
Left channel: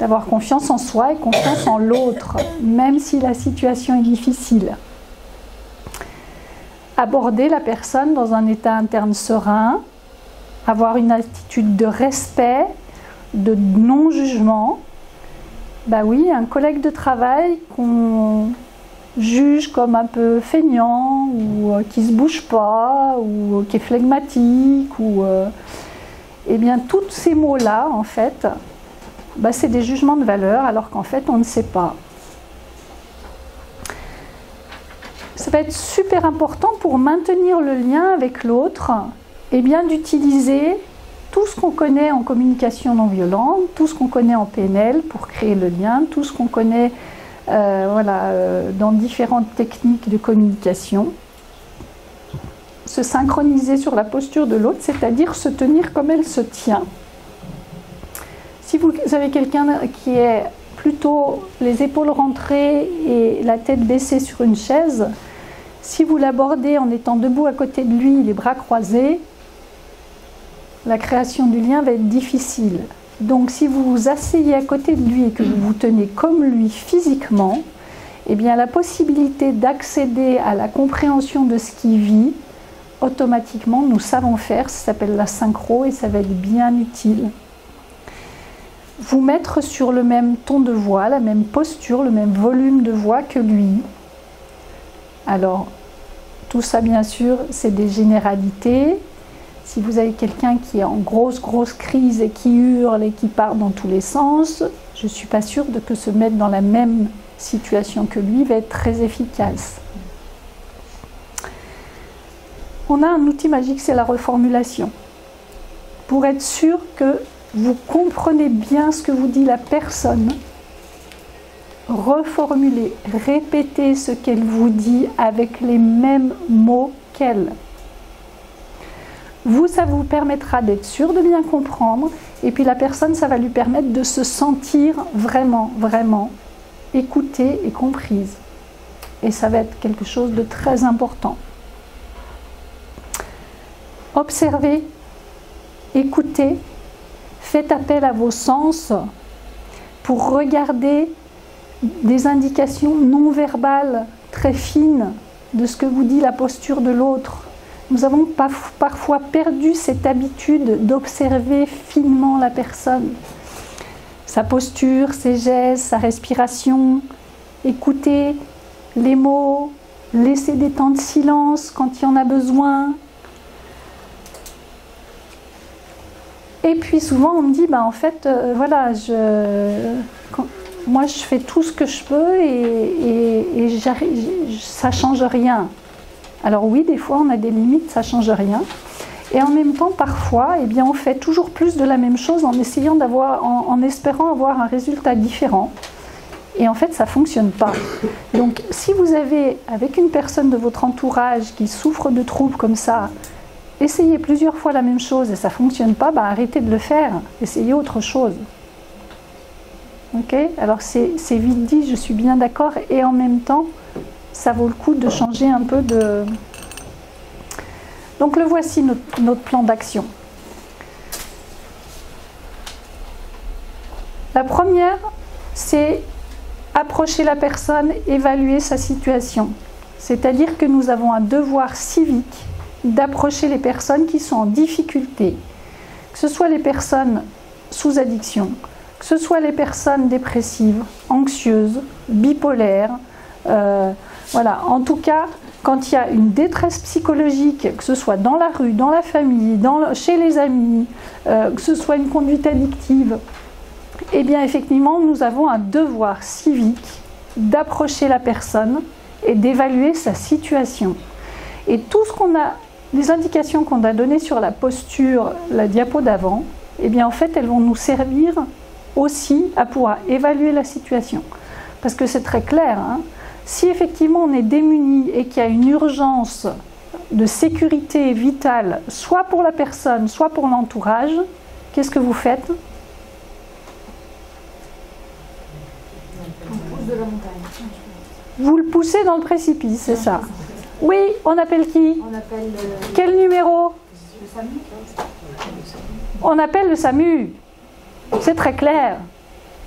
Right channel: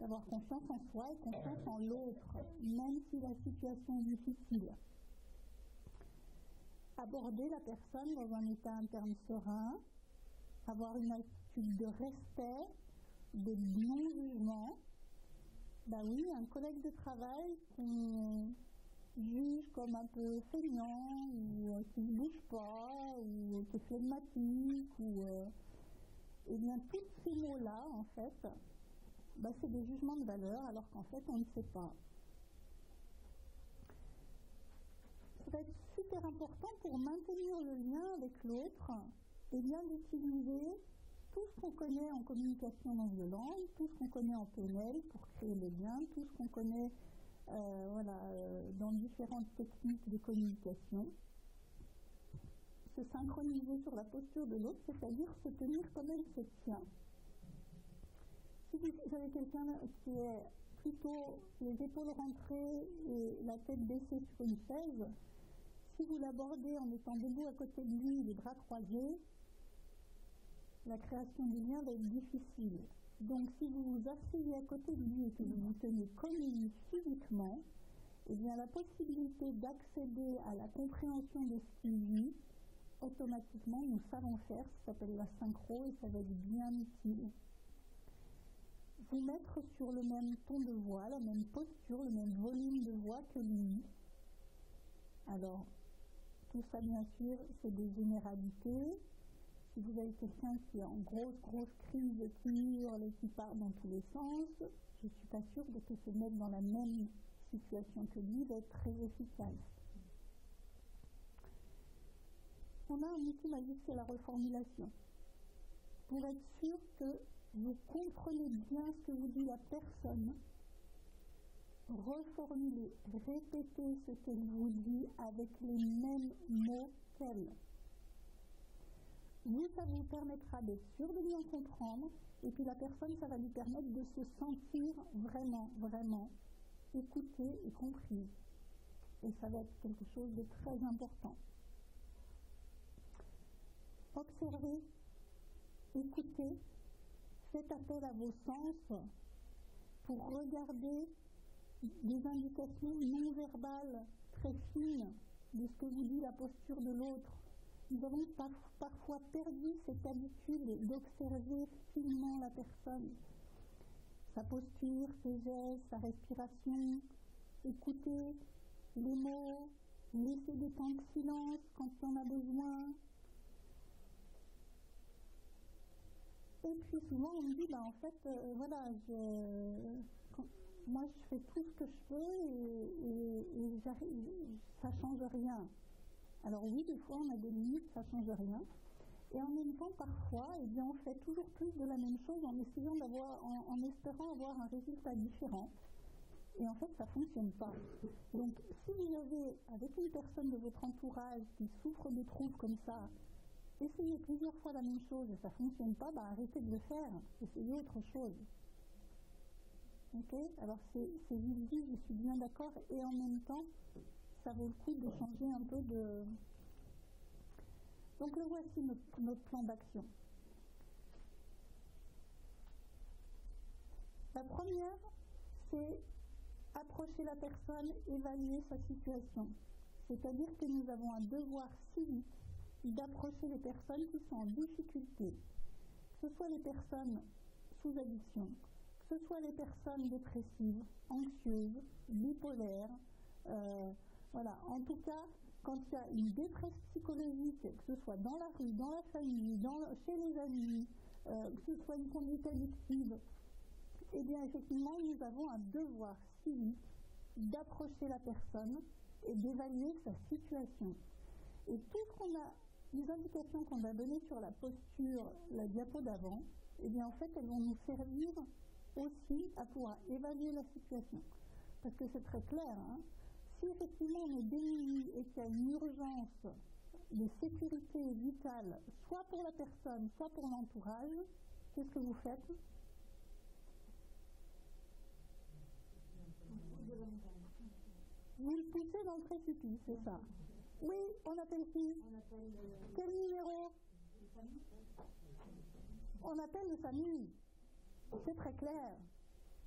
D'avoir confiance en soi et confiance en l'autre, même si la situation est difficile. Aborder la personne dans un état interne serein, avoir une attitude de respect, de non-jugement. Bah oui, un collègue de travail qu'on juge comme un peu feignant ou qui se bouge pas ou qui est flegmatique ou eh bien tous ces mots-là en fait, bah, c'est des jugements de valeur alors qu'en fait on ne sait pas. Ça va être super important pour maintenir le lien avec l'autre et bien d'utiliser tout ce qu'on connaît en communication non violente, tout ce qu'on connaît en PNL pour créer le lien, tout ce qu'on connaît dans différentes techniques de communication. Se synchroniser sur la posture de l'autre, c'est-à-dire se tenir comme elle se tient. Si vous avez quelqu'un qui est plutôt les épaules rentrées et la tête baissée sur une chaise, si vous l'abordez en étant debout à côté de lui, les bras croisés, la création du lien va être difficile. Donc si vous vous asseyez à côté de lui et que vous vous tenez comme lui physiquement, eh bien la possibilité d'accéder à la compréhension de ce qu'il vit, automatiquement nous savons faire, ça s'appelle la synchro et ça va être bien utile. Vous mettre sur le même ton de voix, la même posture, le même volume de voix que lui. Alors, tout ça bien sûr, c'est des généralités. Si vous avez quelqu'un qui est en grosse crise et qui hurle et qui part dans tous les sens, je ne suis pas sûre que se mettre dans la même situation que lui va être très efficace. On a un outil magique, c'est la reformulation. Pour être sûr que vous comprenez bien ce que vous dit la personne, reformulez, répétez ce qu'elle vous dit avec les mêmes mots qu'elle. Vous, ça vous permettra d'être sûr de bien comprendre, et puis la personne, ça va lui permettre de se sentir vraiment écoutée et comprise. Et ça va être quelque chose de très important. Observez, écoutez, faites appel à vos sens pour regarder des indications non verbales très fines de ce que vous dit la posture de l'autre. Nous avons parfois perdu cette habitude d'observer finement la personne. Sa posture, ses gestes, sa respiration. Écouter les mots, laisser des temps de silence quand il y en a besoin. Et puis souvent on me dit, en fait, moi je fais tout ce que je peux et ça ne change rien. Alors oui, des fois on a des limites, ça ne change rien. Et en même temps, parfois, on fait toujours plus de la même chose en espérant avoir un résultat différent. Et en fait, ça ne fonctionne pas. Donc, si vous avez, avec une personne de votre entourage qui souffre de troubles comme ça, essayez plusieurs fois la même chose et ça ne fonctionne pas, arrêtez de le faire. Essayez autre chose. Ok ? Alors, c'est vite dit, je suis bien d'accord. Et en même temps, ça vaut le coup de changer un peu de... Donc le voici, notre plan d'action. La première, c'est approcher la personne, évaluer sa situation. C'est-à-dire que nous avons un devoir civique d'approcher les personnes qui sont en difficulté, que ce soit les personnes sous addiction, que ce soit les personnes dépressives, anxieuses, bipolaires, voilà. En tout cas, quand il y a une détresse psychologique, que ce soit dans la rue, dans la famille, chez les amis, que ce soit une conduite addictive, eh bien effectivement, nous avons un devoir civique d'approcher la personne et d'évaluer sa situation. Et tout ce qu'on a, les indications qu'on a données sur la posture, la diapo d'avant, eh bien en fait, elles vont nous servir aussi à pouvoir évaluer la situation. Parce que c'est très clair, hein, si effectivement on est démuni et qu'il y a une urgence de sécurité vitale, soit pour la personne, soit pour l'entourage, qu'est-ce que vous faites ? On pousse de la montagne. Vous le poussez dans le précipice, c'est ça. Oui, on appelle qui ? On appelle Quel numéro ? le SAMU. On appelle le SAMU. C'est très clair.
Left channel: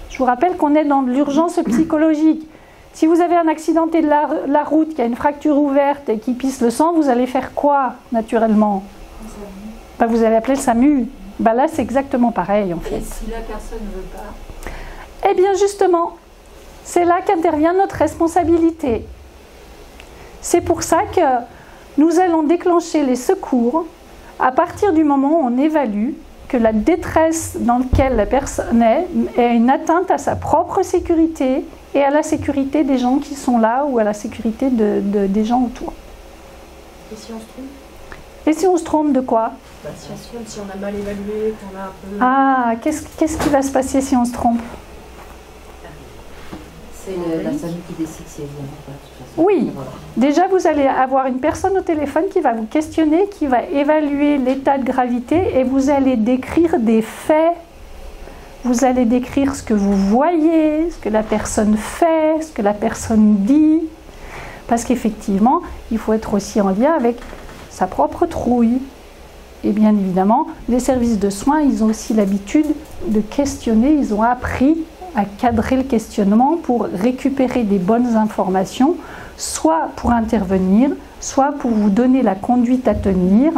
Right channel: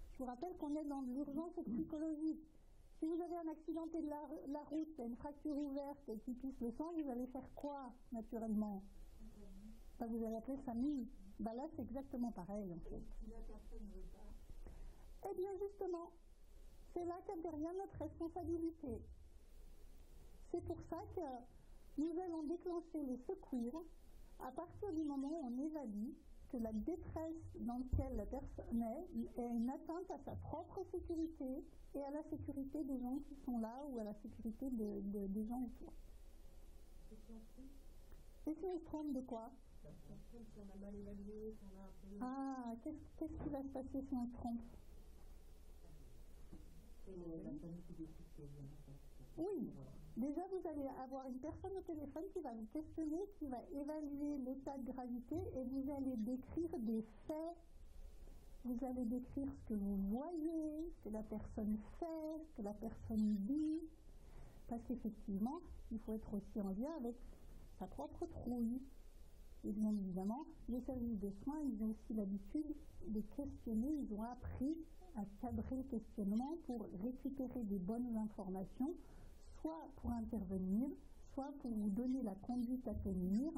Je vous rappelle qu'on est dans de l'urgence psychologique. Si vous avez un accidenté de la route, qui a une fracture ouverte et qui pisse le sang, vous allez faire quoi, naturellement ? Ben, vous allez appeler le SAMU. Ben, là, c'est exactement pareil, en fait. Et si la personne ne veut pas ? Eh bien, justement, c'est là qu'intervient notre responsabilité. C'est pour ça que nous allons déclencher les secours à partir du moment où on évalue que la détresse dans laquelle la personne est une atteinte à sa propre sécurité et à la sécurité des gens qui sont là ou à la sécurité des gens autour. Et si on se trompe ? Et si on se trompe de quoi ? Si on se trompe, si on a mal évalué, qu'on a un peu... Ah, qu'est-ce qui va se passer si on se trompe ? C'est la SAMU qui décide si elle vient ou pas, de toute façon. Oui, Voilà. déjà vous allez avoir une personne au téléphone qui va vous questionner, qui va évaluer l'état de gravité et vous allez décrire des faits. Vous allez décrire ce que vous voyez, ce que la personne fait, ce que la personne dit. Parce qu'effectivement, il faut être aussi en lien avec sa propre trouille. Et bien évidemment, les services de soins, ils ont aussi l'habitude de questionner, ils ont appris à cadrer le questionnement pour récupérer des bonnes informations, soit pour intervenir, soit pour vous donner la conduite à tenir,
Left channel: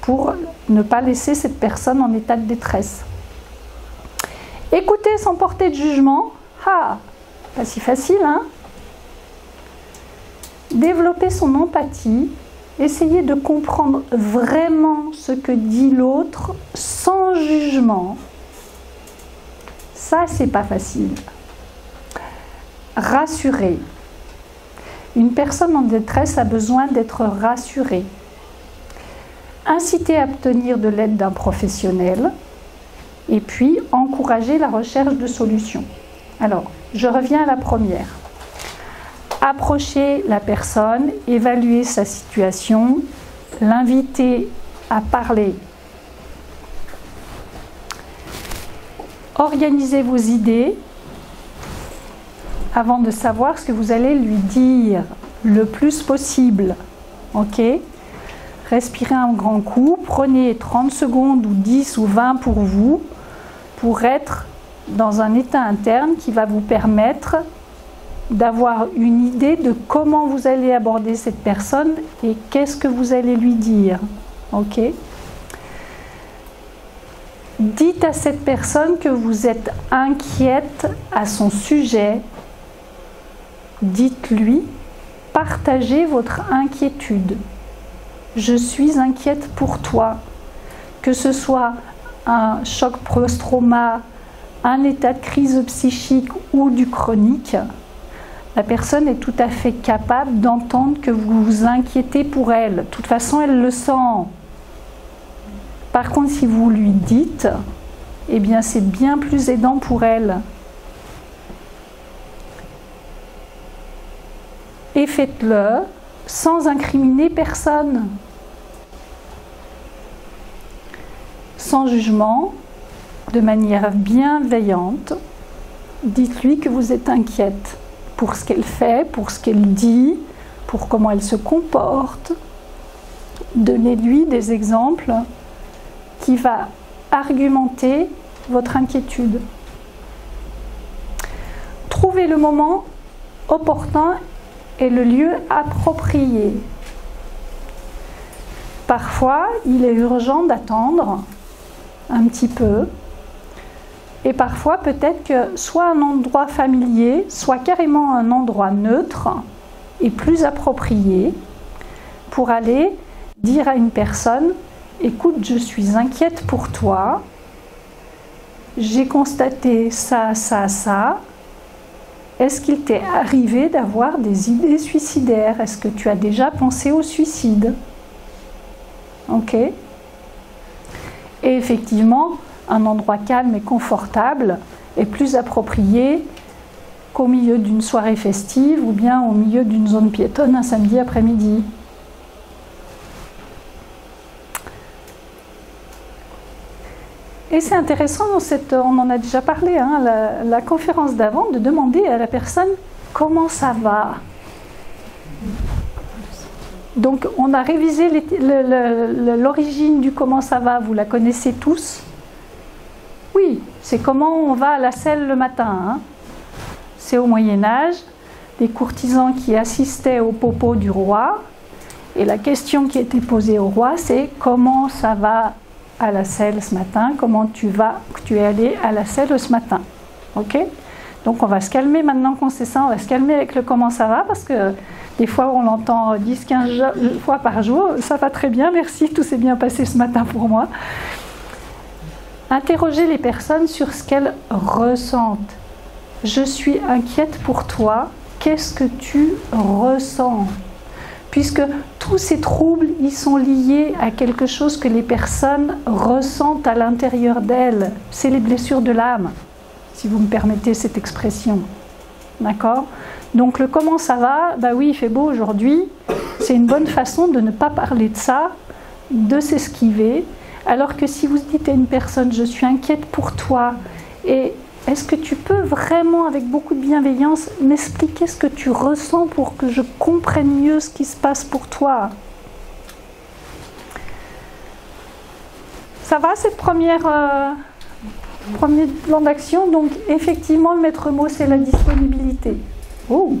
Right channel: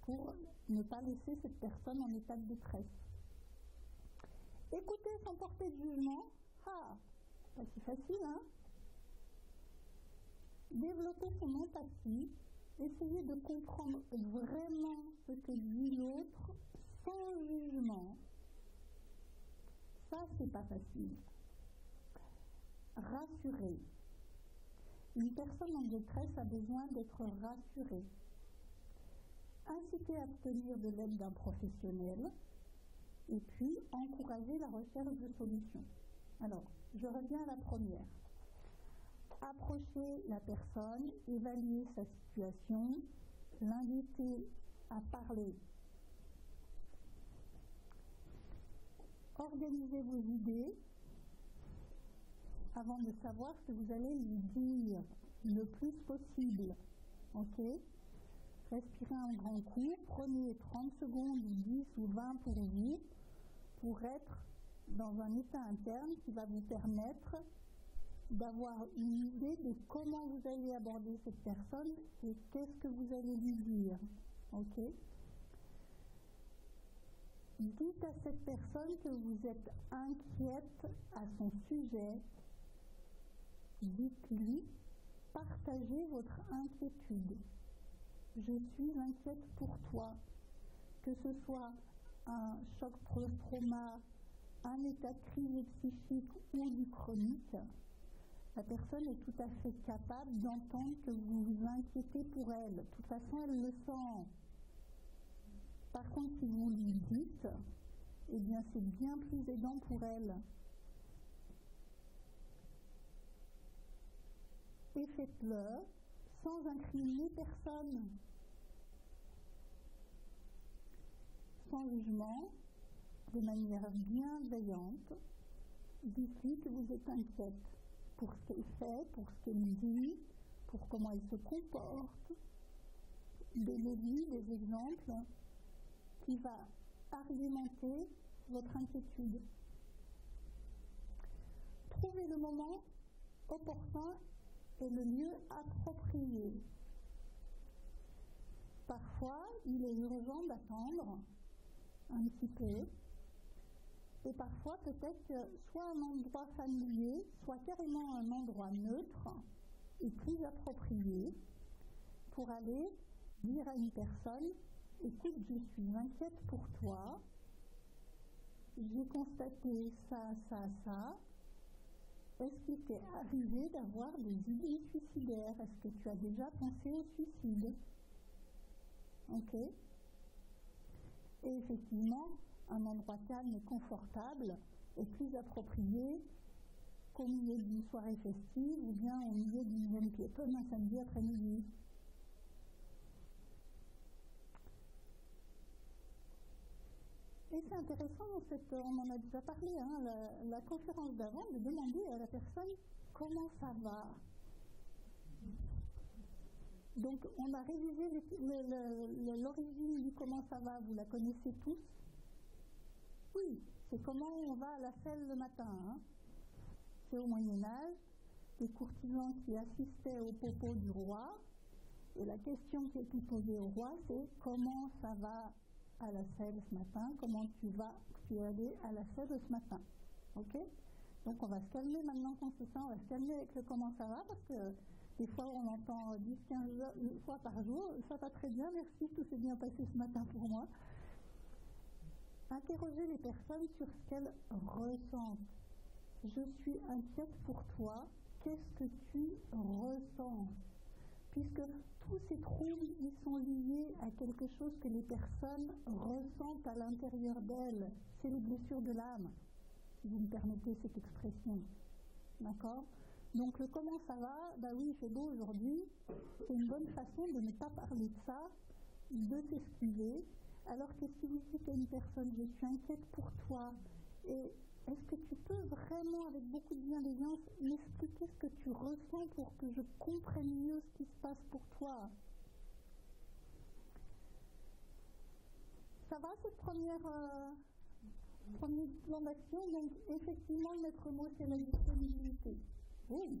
pour ne pas laisser cette personne en état de détresse. Écouter sans porter de jugement, pas si facile, hein ? Développer son empathie, essayer de comprendre vraiment ce que dit l'autre sans jugement. Ça, c'est pas facile. Rassurer. Une personne en détresse a besoin d'être rassurée. Inciter à obtenir de l'aide d'un professionnel. Et puis, encourager la recherche de solutions. Alors, je reviens à la première. Approcher la personne, évaluer sa situation, l'inviter à parler. Organisez vos idées avant de savoir ce que vous allez lui dire le plus possible. Ok ? Respirez un grand coup, prenez 30 secondes ou 10 ou 20 pour vous, pour être dans un état interne qui va vous permettre d'avoir une idée de comment vous allez aborder cette personne et qu'est-ce que vous allez lui dire. Ok ? Dites à cette personne que vous êtes inquiète à son sujet. Dites-lui, partagez votre inquiétude. Je suis inquiète pour toi. Que ce soit un choc post-trauma, un état de crise psychique ou du chronique, la personne est tout à fait capable d'entendre que vous vous inquiétez pour elle. De toute façon, elle le sent. Par contre, si vous lui dites, eh bien, c'est bien plus aidant pour elle. Et faites-le sans incriminer personne. Sans jugement, de manière bienveillante, dites-lui que vous êtes inquiète pour ce qu'elle fait, pour ce qu'elle dit, pour comment elle se comporte. Donnez-lui des exemples qui va argumenter votre inquiétude. trouver le moment opportun et le lieu approprié. Parfois, il est urgent d'attendre un petit peu. Et parfois, peut-être que soit un endroit familier, soit carrément un endroit neutre est plus approprié pour aller dire à une personne « Écoute, je suis inquiète pour toi. J'ai constaté ça, ça, ça. Est-ce qu'il t'est arrivé d'avoir des idées suicidaires? Est-ce que tu as déjà pensé au suicide ?» Ok. Et effectivement, un endroit calme et confortable est plus approprié qu'au milieu d'une soirée festive ou bien au milieu d'une zone piétonne un samedi après-midi. Et c'est intéressant, on en a déjà parlé, hein, la conférence d'avant, de demander à la personne comment ça va. Donc on a révisé l'origine du comment ça va, vous la connaissez tous? Oui, c'est comment on va à la selle le matin. Hein. C'est au Moyen-Âge, les courtisans qui assistaient au popo du roi, et la question qui était posée au roi, c'est comment ça va à la selle ce matin, comment tu es allé à la selle ce matin. Ok? Donc on va se calmer maintenant qu'on sait ça, on va se calmer avec le comment ça va, parce que des fois on l'entend 10-15 fois par jour, ça va très bien, merci, tout s'est bien passé ce matin pour moi. Interrogez les personnes sur ce qu'elles ressentent. Je suis inquiète pour toi, qu'est-ce que tu ressens? Puisque tous ces troubles, ils sont liés à quelque chose que les personnes ressentent à l'intérieur d'elles. C'est les blessures de l'âme, si vous me permettez cette expression. D'accord? Donc le comment ça va, bah oui, il fait beau aujourd'hui, c'est une bonne façon de ne pas parler de ça, de s'esquiver. Alors que si vous dites à une personne, je suis inquiète pour toi, et est-ce que tu peux vraiment, avec beaucoup de bienveillance, m'expliquer ce que tu ressens pour que je comprenne mieux ce qui se passe pour toi? Ça va, cette premier plan d'action? Donc, effectivement, le maître mot, c'est la disponibilité. Oh!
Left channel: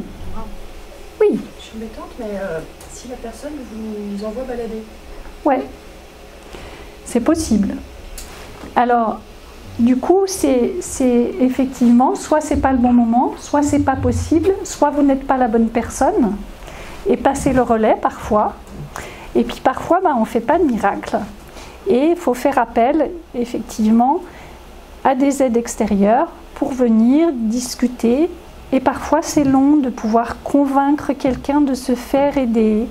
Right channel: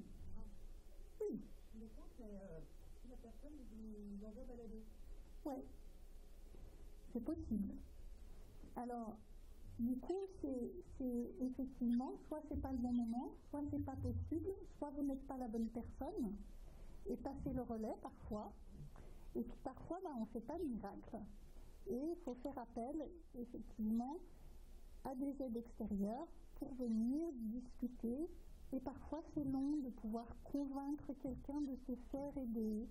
Oui. Je suis embêtante, mais si la personne vous envoie balader? Ouais. C'est possible. Alors, du coup, c'est effectivement, soit c'est pas le bon moment, soit c'est pas possible, soit vous n'êtes pas la bonne personne, et passer le relais parfois. Et puis parfois, on ne fait pas de miracle. Et il faut faire appel, effectivement, à des aides extérieures pour venir discuter. Et parfois, c'est long de pouvoir convaincre quelqu'un de se faire aider.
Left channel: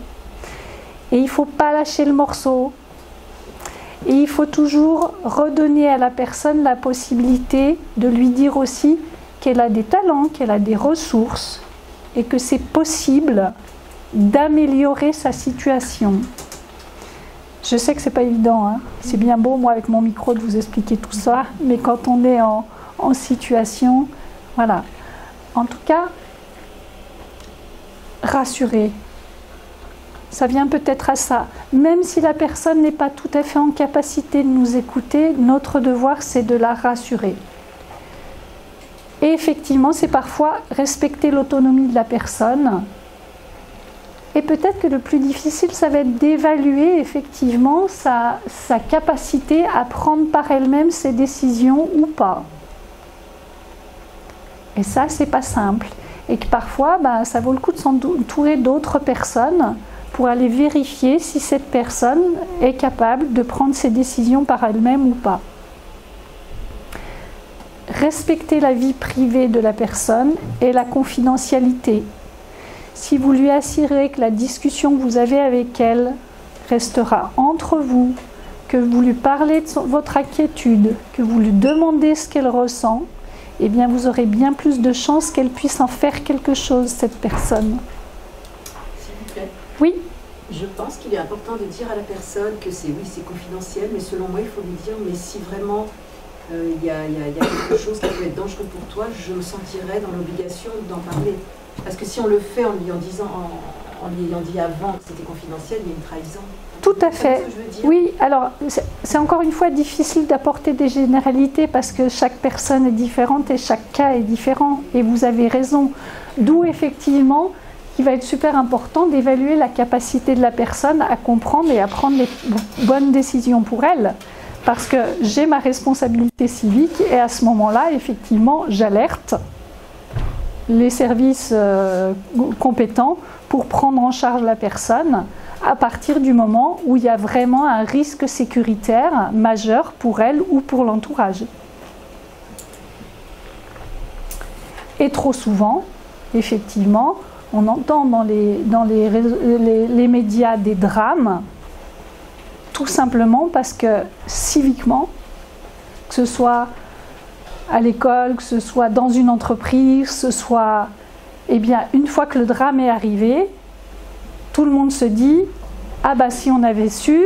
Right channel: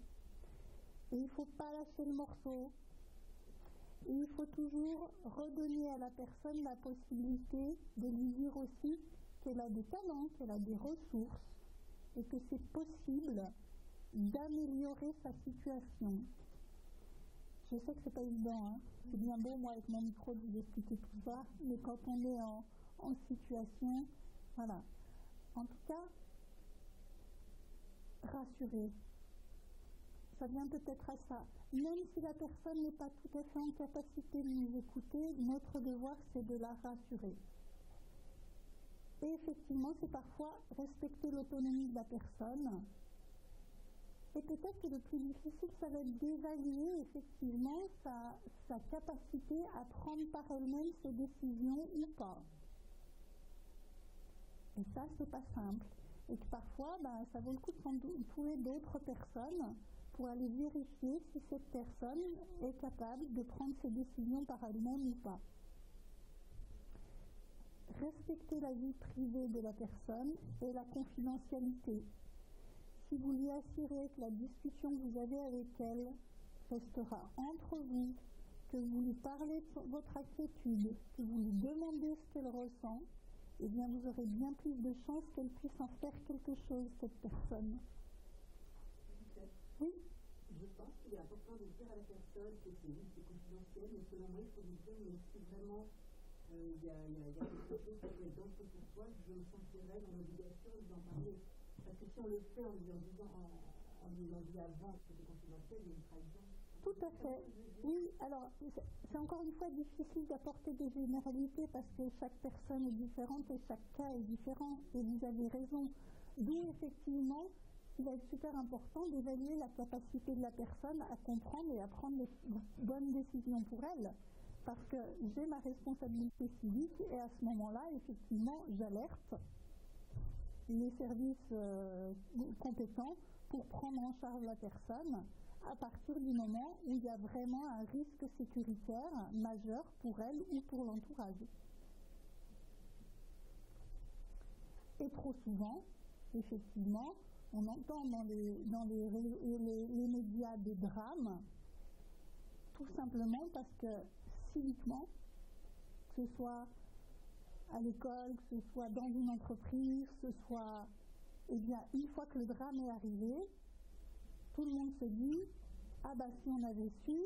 Et il ne faut pas lâcher le morceau. Et il faut toujours redonner à la personne la possibilité de lui dire aussi qu'elle a des talents, qu'elle a des ressources et que c'est possible d'améliorer sa situation. Je sais que ce n'est pas évident, hein. C'est bien beau, moi, avec mon micro, de vous expliquer tout ça, mais quand on est en situation, voilà. En tout cas, rassurer. Ça vient peut-être à ça. Même si la personne n'est pas tout à fait en capacité de nous écouter, notre devoir, c'est de la rassurer. Et effectivement, c'est parfois respecter l'autonomie de la personne. Et peut-être que le plus difficile, ça va être d'évaluer effectivement sa capacité à prendre par elle-même ses décisions ou pas. Et ça, c'est pas simple. Et que parfois, ça vaut le coup de s'entourer d'autres personnes pour aller vérifier si cette personne est capable de prendre ses décisions par elle-même ou pas. Respecter la vie privée de la personne et la confidentialité. Si vous lui assurez que la discussion que vous avez avec elle restera entre vous, que vous lui parlez de votre inquiétude, que vous lui demandez ce qu'elle ressent, eh bien vous aurez bien plus de chances qu'elle puisse en faire quelque chose, cette personne. S'il vous plaît. Oui. Je pense qu'il est important de dire à la personne que c'est confidentiel, mais selon moi, il faut lui dire, mais si vraiment il y a quelque chose qui peut être dangereux pour toi, je me sentirais dans l'obligation d'en parler. Parce que si on le fait en lui en disant, en lui ayant dit avant que c'était confidentiel, il y a une trahison. Tout à fait. Oui, alors c'est encore une fois difficile d'apporter des généralités parce que chaque personne est différente et chaque cas est différent. Et vous avez raison. D'où effectivement, il va être super important d'évaluer la capacité de la personne à comprendre et à prendre les bonnes décisions pour elle. Parce que j'ai ma responsabilité civique et à ce moment-là, effectivement, j'alerte les services compétents pour prendre en charge la personne à partir du moment où il y a vraiment un risque sécuritaire majeur pour elle ou pour l'entourage. Et trop souvent, effectivement, on entend dans les médias des drames, tout simplement parce que civiquement, que ce soit à l'école, que ce soit dans une entreprise, que ce soit, eh bien, une fois que le drame est arrivé, tout le monde se dit « Ah bah si on avait su,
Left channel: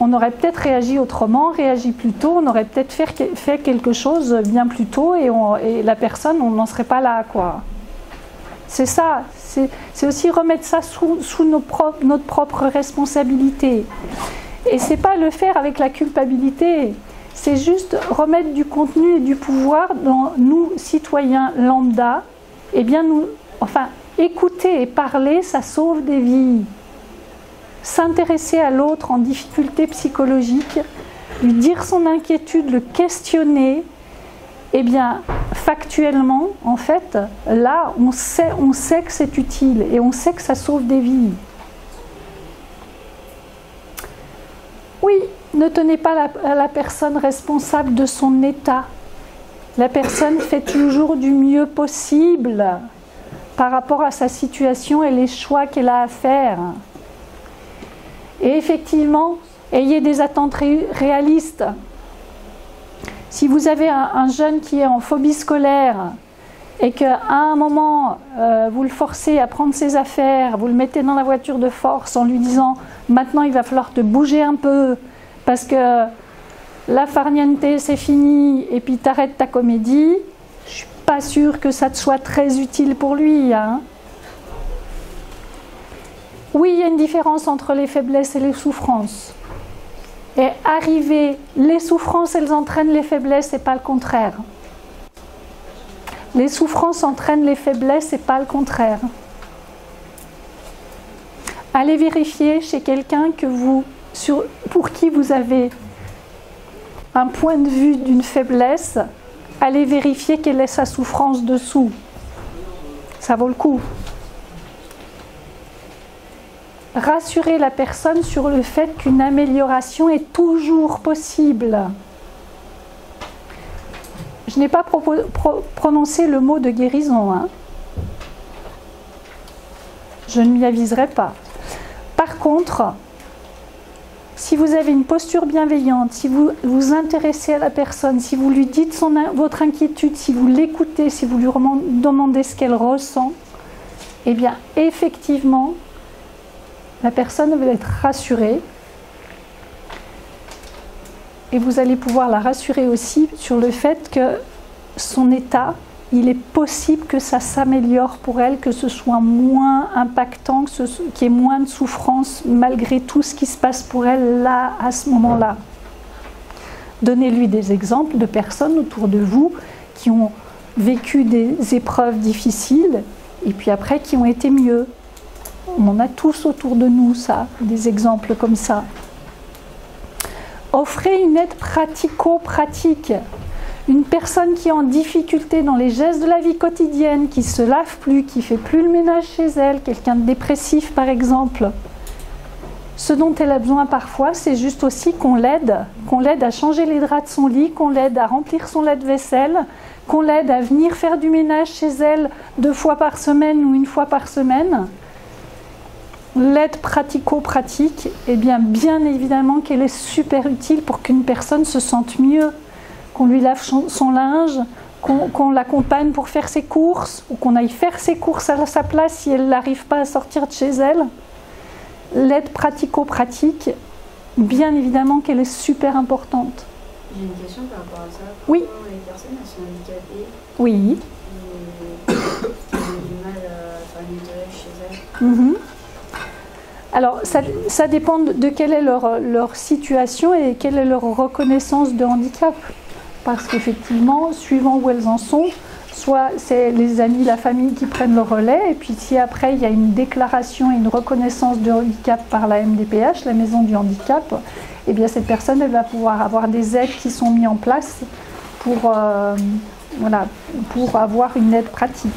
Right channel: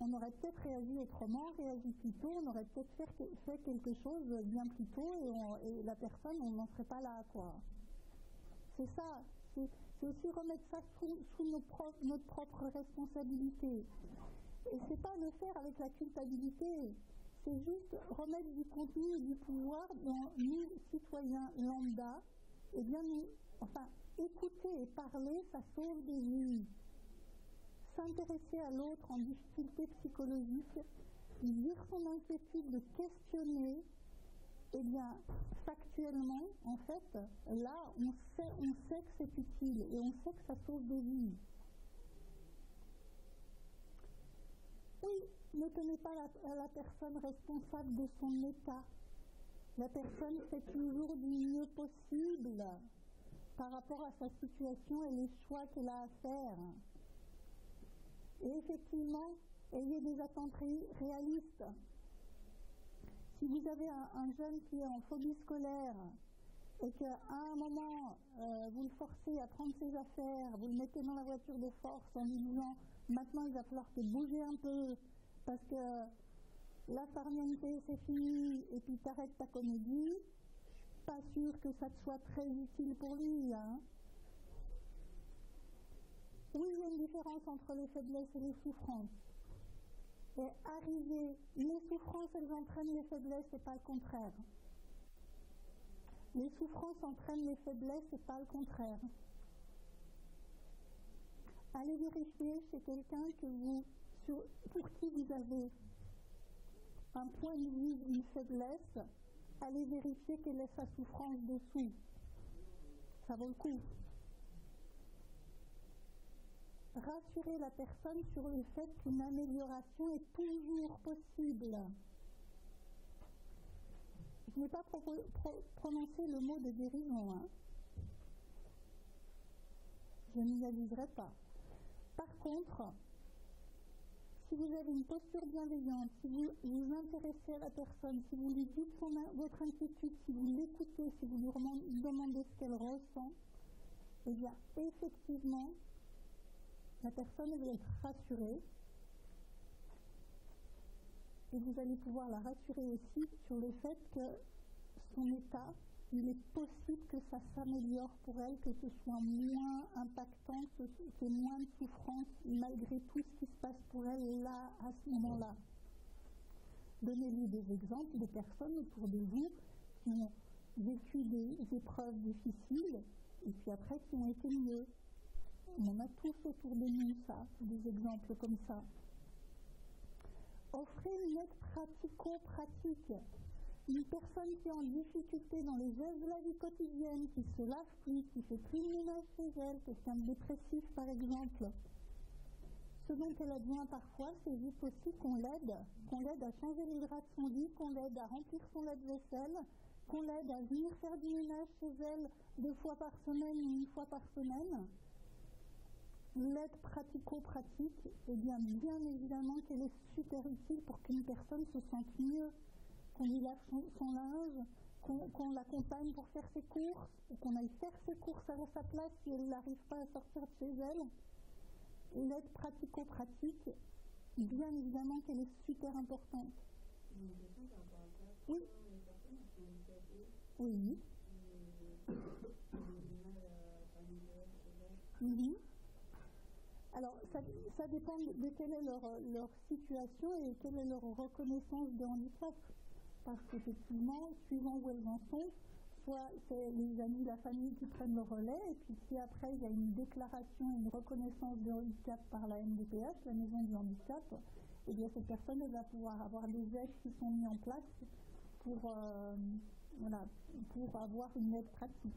on aurait peut-être réagi autrement, réagi plus tôt, on aurait peut-être fait quelque chose bien plus tôt et la personne, on n'en serait pas là, quoi. » C'est ça, c'est aussi remettre ça sous notre propre responsabilité. Et c'est pas le faire avec la culpabilité, c'est juste remettre du contenu et du pouvoir dans nous, citoyens lambda, et bien écouter et parler, ça sauve des vies. S'intéresser à l'autre en difficulté psychologique, lui dire son inquiétude, le questionner, eh bien, factuellement, en fait, là, on sait que c'est utile et on sait que ça sauve des vies. Oui, ne tenez pas la personne responsable de son état. La personne fait toujours du mieux possible par rapport à sa situation et les choix qu'elle a à faire. Et effectivement, ayez des attentes réalistes. Si vous avez un jeune qui est en phobie scolaire et qu'à un moment, vous le forcez à prendre ses affaires, vous le mettez dans la voiture de force en lui disant « Maintenant, il va falloir te bouger un peu parce que la farniente, c'est fini et puis t'arrêtes ta comédie », je ne suis pas sûre que ça te soit très utile pour lui. Hein. Oui, il y a une différence entre les faiblesses et les souffrances. Et les souffrances, elles entraînent les faiblesses et pas le contraire. Les souffrances entraînent les faiblesses et pas le contraire. Allez vérifier chez quelqu'un pour qui vous avez un point de vue d'une faiblesse, allez vérifier quelle est sa souffrance dessous. Ça vaut le coup. Rassurer la personne sur le fait qu'une amélioration est toujours possible. Je n'ai pas prononcé le mot de guérison. Hein. Je ne m'y aviserai pas. Par contre, si vous avez une posture bienveillante, si vous vous intéressez à la personne, si vous lui dites votre inquiétude, si vous l'écoutez, si vous lui demandez ce qu'elle ressent, eh bien, effectivement, la personne va être rassurée et vous allez pouvoir la rassurer aussi sur le fait que son état, il est possible que ça s'améliore pour elle, que ce soit moins impactant, qu'il y ait moins de souffrance malgré tout ce qui se passe pour elle là, à ce moment-là. Donnez-lui des exemples de personnes autour de vous qui ont vécu des épreuves difficiles et puis après qui ont été mieux. On en a tous autour de nous, ça, des exemples comme ça. Offrez une aide pratico-pratique. Une personne qui est en difficulté dans les gestes de la vie quotidienne, qui ne se lave plus, qui ne fait plus le ménage chez elle, quelqu'un de dépressif par exemple. Ce dont elle a besoin parfois, c'est juste aussi qu'on l'aide à changer les draps de son lit, qu'on l'aide à remplir son lave-vaisselle, qu'on l'aide à venir faire du ménage chez elle 2 fois par semaine ou 1 fois par semaine. L'aide pratico-pratique, eh bien évidemment qu'elle est super utile pour qu'une personne se sente mieux, qu'on lui lave son linge, qu'on l'accompagne pour faire ses courses, ou qu'on aille faire ses courses à sa place si elle n'arrive pas à sortir de chez elle. L'aide pratico-pratique, bien évidemment qu'elle est super importante. J'ai une question par rapport à ça. Oui. Pourquoi les personnes elles sont handicapées Oui. qui ont du mal à... Par famille de chez elle. Alors, ça dépend de quelle est leur situation et quelle est leur reconnaissance de handicap. Parce qu'effectivement, suivant où elles en sont, soit c'est les amis, la famille qui prennent le relais, et puis si après il y a une déclaration et une reconnaissance de handicap par la MDPH, la maison du handicap, eh bien cette personne elle va pouvoir avoir des aides qui sont mises en place pour avoir une aide pratique.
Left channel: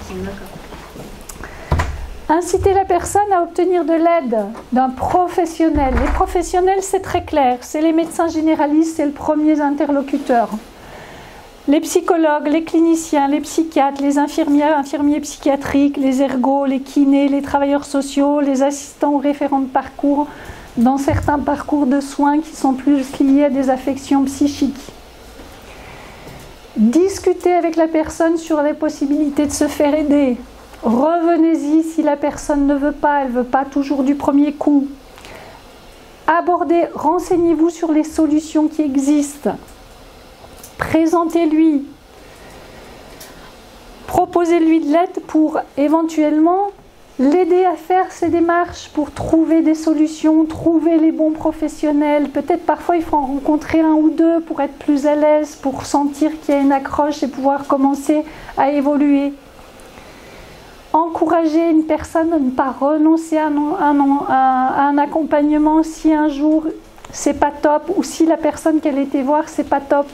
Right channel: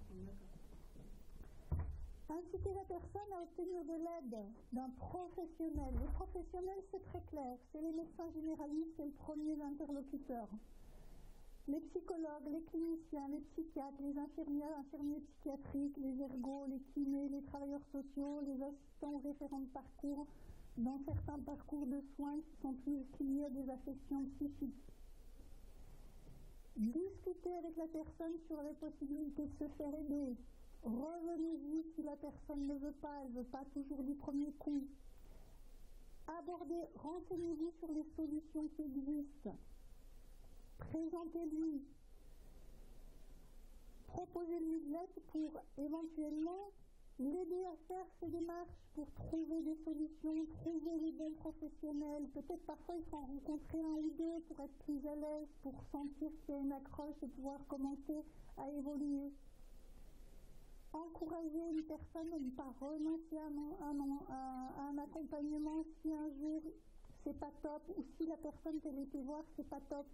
Inciter la personne à obtenir de l'aide d'un professionnel. Les professionnels, c'est très clair, c'est les médecins généralistes, c'est le premier interlocuteur. Les psychologues, les cliniciens, les psychiatres, les infirmiers psychiatriques, les ergos, les kinés, les travailleurs sociaux, les assistants ou référents de parcours, dans certains parcours de soins qui sont plus liés à des affections psychiques. Discutez avec la personne sur les possibilités de se faire aider. Revenez-y si la personne ne veut pas, elle ne veut pas toujours du premier coup. Renseignez-vous sur les solutions qui existent. Présentez-lui. Proposez-lui de l'aide pour éventuellement l'aider à faire ces démarches, pour trouver des solutions, trouver les bons professionnels. Peut-être parfois il faut en rencontrer un ou deux pour être plus à l'aise, pour sentir qu'il y a une accroche et pouvoir commencer à évoluer. Encourager une personne à ne pas renoncer à un accompagnement si un jour c'est pas top ou si la personne qu'elle était voir c'est pas top.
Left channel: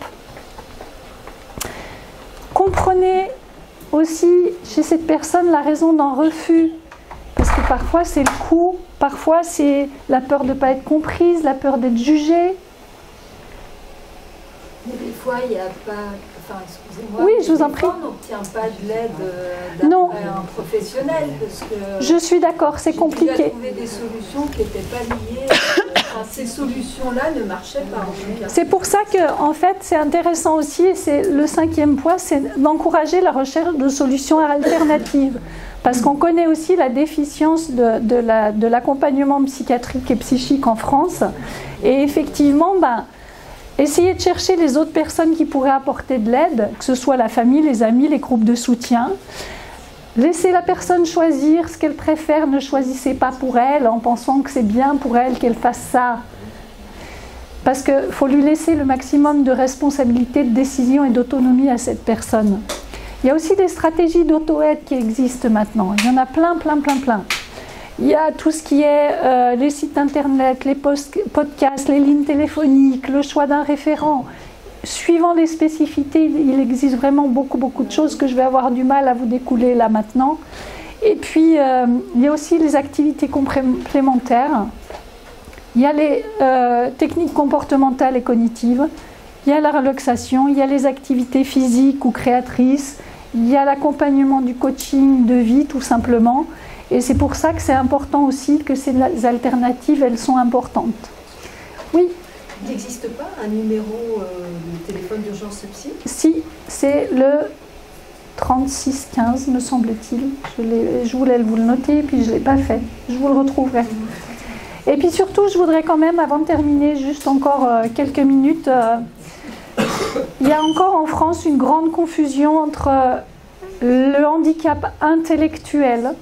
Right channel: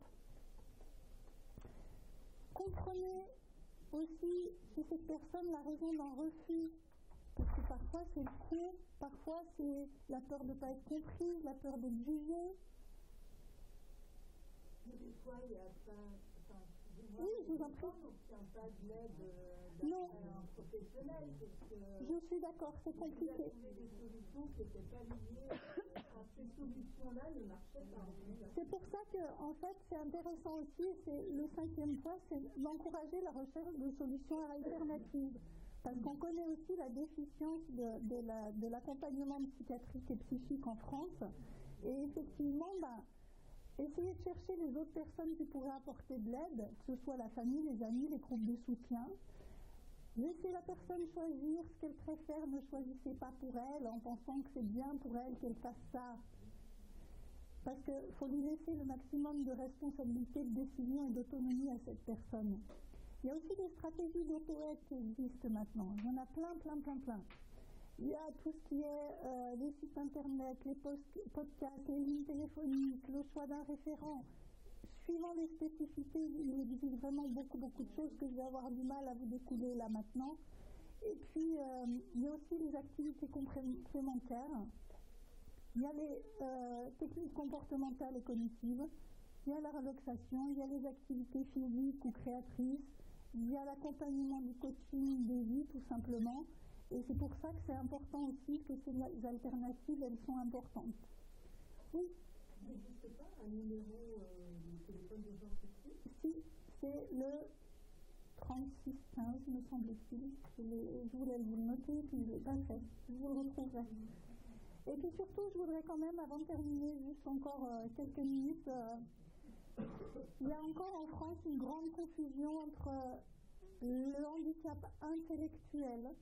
Comprenez aussi chez cette personne la raison d'un refus, parce que parfois c'est le coût, parfois c'est la peur de ne pas être comprise, la peur d'être jugée. Mais des fois il n'y a pas... Enfin, excusez-moi, oui, je vous en prie. On n'obtient pas de l'aide d'un professionnel. Parce que je suis d'accord, c'est compliqué. J'ai trouvé des solutions qui n'étaient pas liées. Ces solutions-là ne marchaient pas. C'est pour ça que, en fait, c'est intéressant aussi, et c'est le 5e point, c'est d'encourager la recherche de solutions alternatives. Parce qu'on connaît aussi la déficience de l'accompagnement psychiatrique et psychique en France. Et effectivement, essayez de chercher les autres personnes qui pourraient apporter de l'aide, que ce soit la famille, les amis, les groupes de soutien. Laissez la personne choisir ce qu'elle préfère, ne choisissez pas pour elle en pensant que c'est bien pour elle qu'elle fasse ça. Parce qu'il faut lui laisser le maximum de responsabilité, de décision et d'autonomie à cette personne. Il y a aussi des stratégies d'auto-aide qui existent maintenant. Il y en a plein. Il y a tout ce qui est les sites internet, les podcasts, les lignes téléphoniques, le choix d'un référent. Suivant les spécificités, il existe vraiment beaucoup de choses que je vais avoir du mal à vous découler là maintenant. Et puis, il y a aussi les activités complémentaires. Il y a les techniques comportementales et cognitives. Il y a la relaxation, il y a les activités physiques ou créatrices. Il y a l'accompagnement du coaching de vie, tout simplement. Et c'est pour ça que c'est important aussi que ces alternatives, elles sont importantes. Oui. Il n'existe pas un numéro de téléphone d'urgence psy? Si, c'est le 3615, me semble-t-il. Je voulais vous le noter, et puis je ne l'ai pas fait. Je vous le retrouverai. Et puis surtout, je voudrais quand même, avant de terminer, juste encore quelques minutes, il y a encore en France une grande confusion entre le handicap intellectuel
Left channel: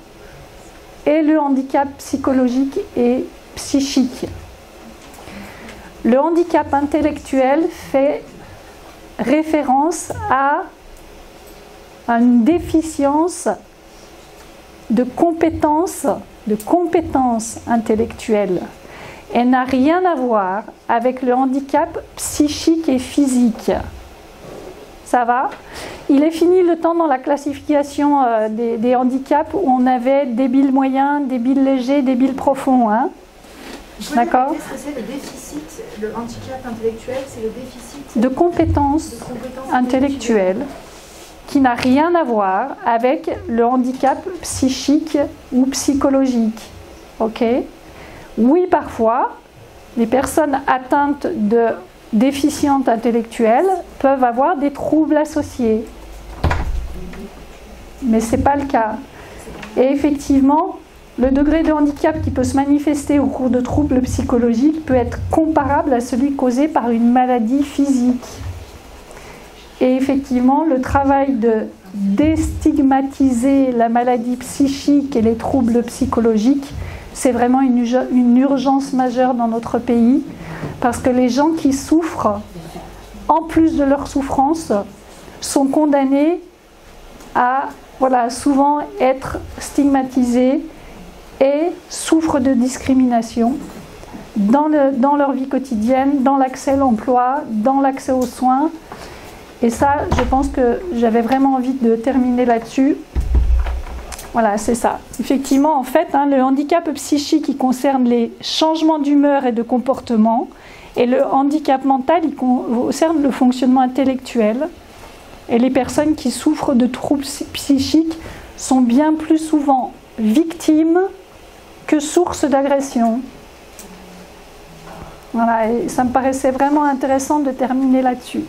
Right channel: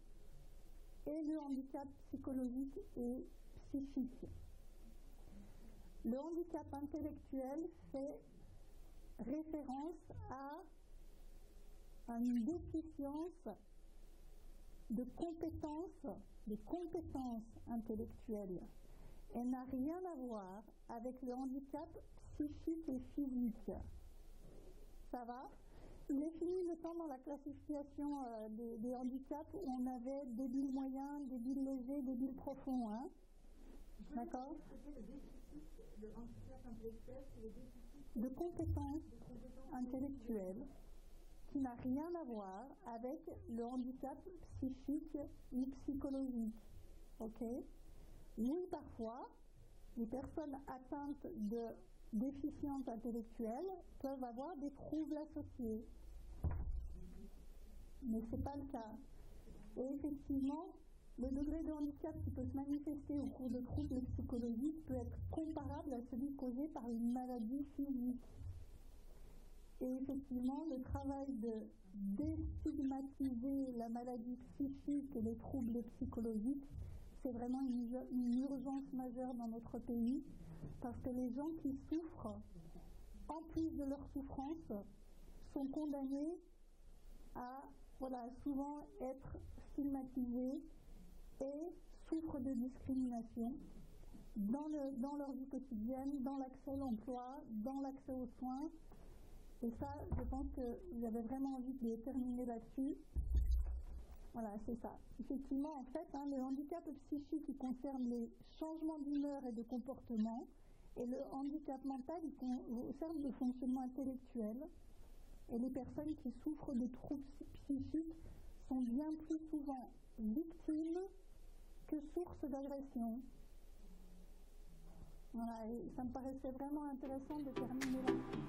et le handicap psychologique et psychique. Le handicap intellectuel fait référence à une déficience de compétences intellectuelles et n'a rien à voir avec le handicap psychique et physique. Ça va? Il est fini le temps dans la classification des handicaps où on avait débile moyen, débile léger, débile profond. Hein? D'accord? Qu'est-ce que c'est le déficit? Le handicap intellectuel, c'est le déficit de compétences intellectuelles qui n'a rien à voir avec le handicap psychique ou psychologique. Ok? Oui, parfois, les personnes atteintes de déficientes intellectuelles peuvent avoir des troubles associés. Mais ce n'est pas le cas. Et effectivement, le degré de handicap qui peut se manifester au cours de troubles psychologiques peut être comparable à celui causé par une maladie physique. Et effectivement, le travail de déstigmatiser la maladie psychique et les troubles psychologiques, c'est vraiment une urgence majeure dans notre pays, parce que les gens qui souffrent, en plus de leur souffrance, sont condamnés à souvent être stigmatisés et souffrent de discrimination dans leur vie quotidienne, dans l'accès à l'emploi, dans l'accès aux soins. Et ça, je pense que j'avais vraiment envie de terminer là-dessus. Voilà, c'est ça. Effectivement, en fait, le handicap psychique, il concerne les changements d'humeur et de comportement, et le handicap mental, il concerne le fonctionnement intellectuel. Et les personnes qui souffrent de troubles psychiques sont bien plus souvent victimes que sources d'agression. Voilà, et ça me paraissait vraiment intéressant de terminer là-dessus.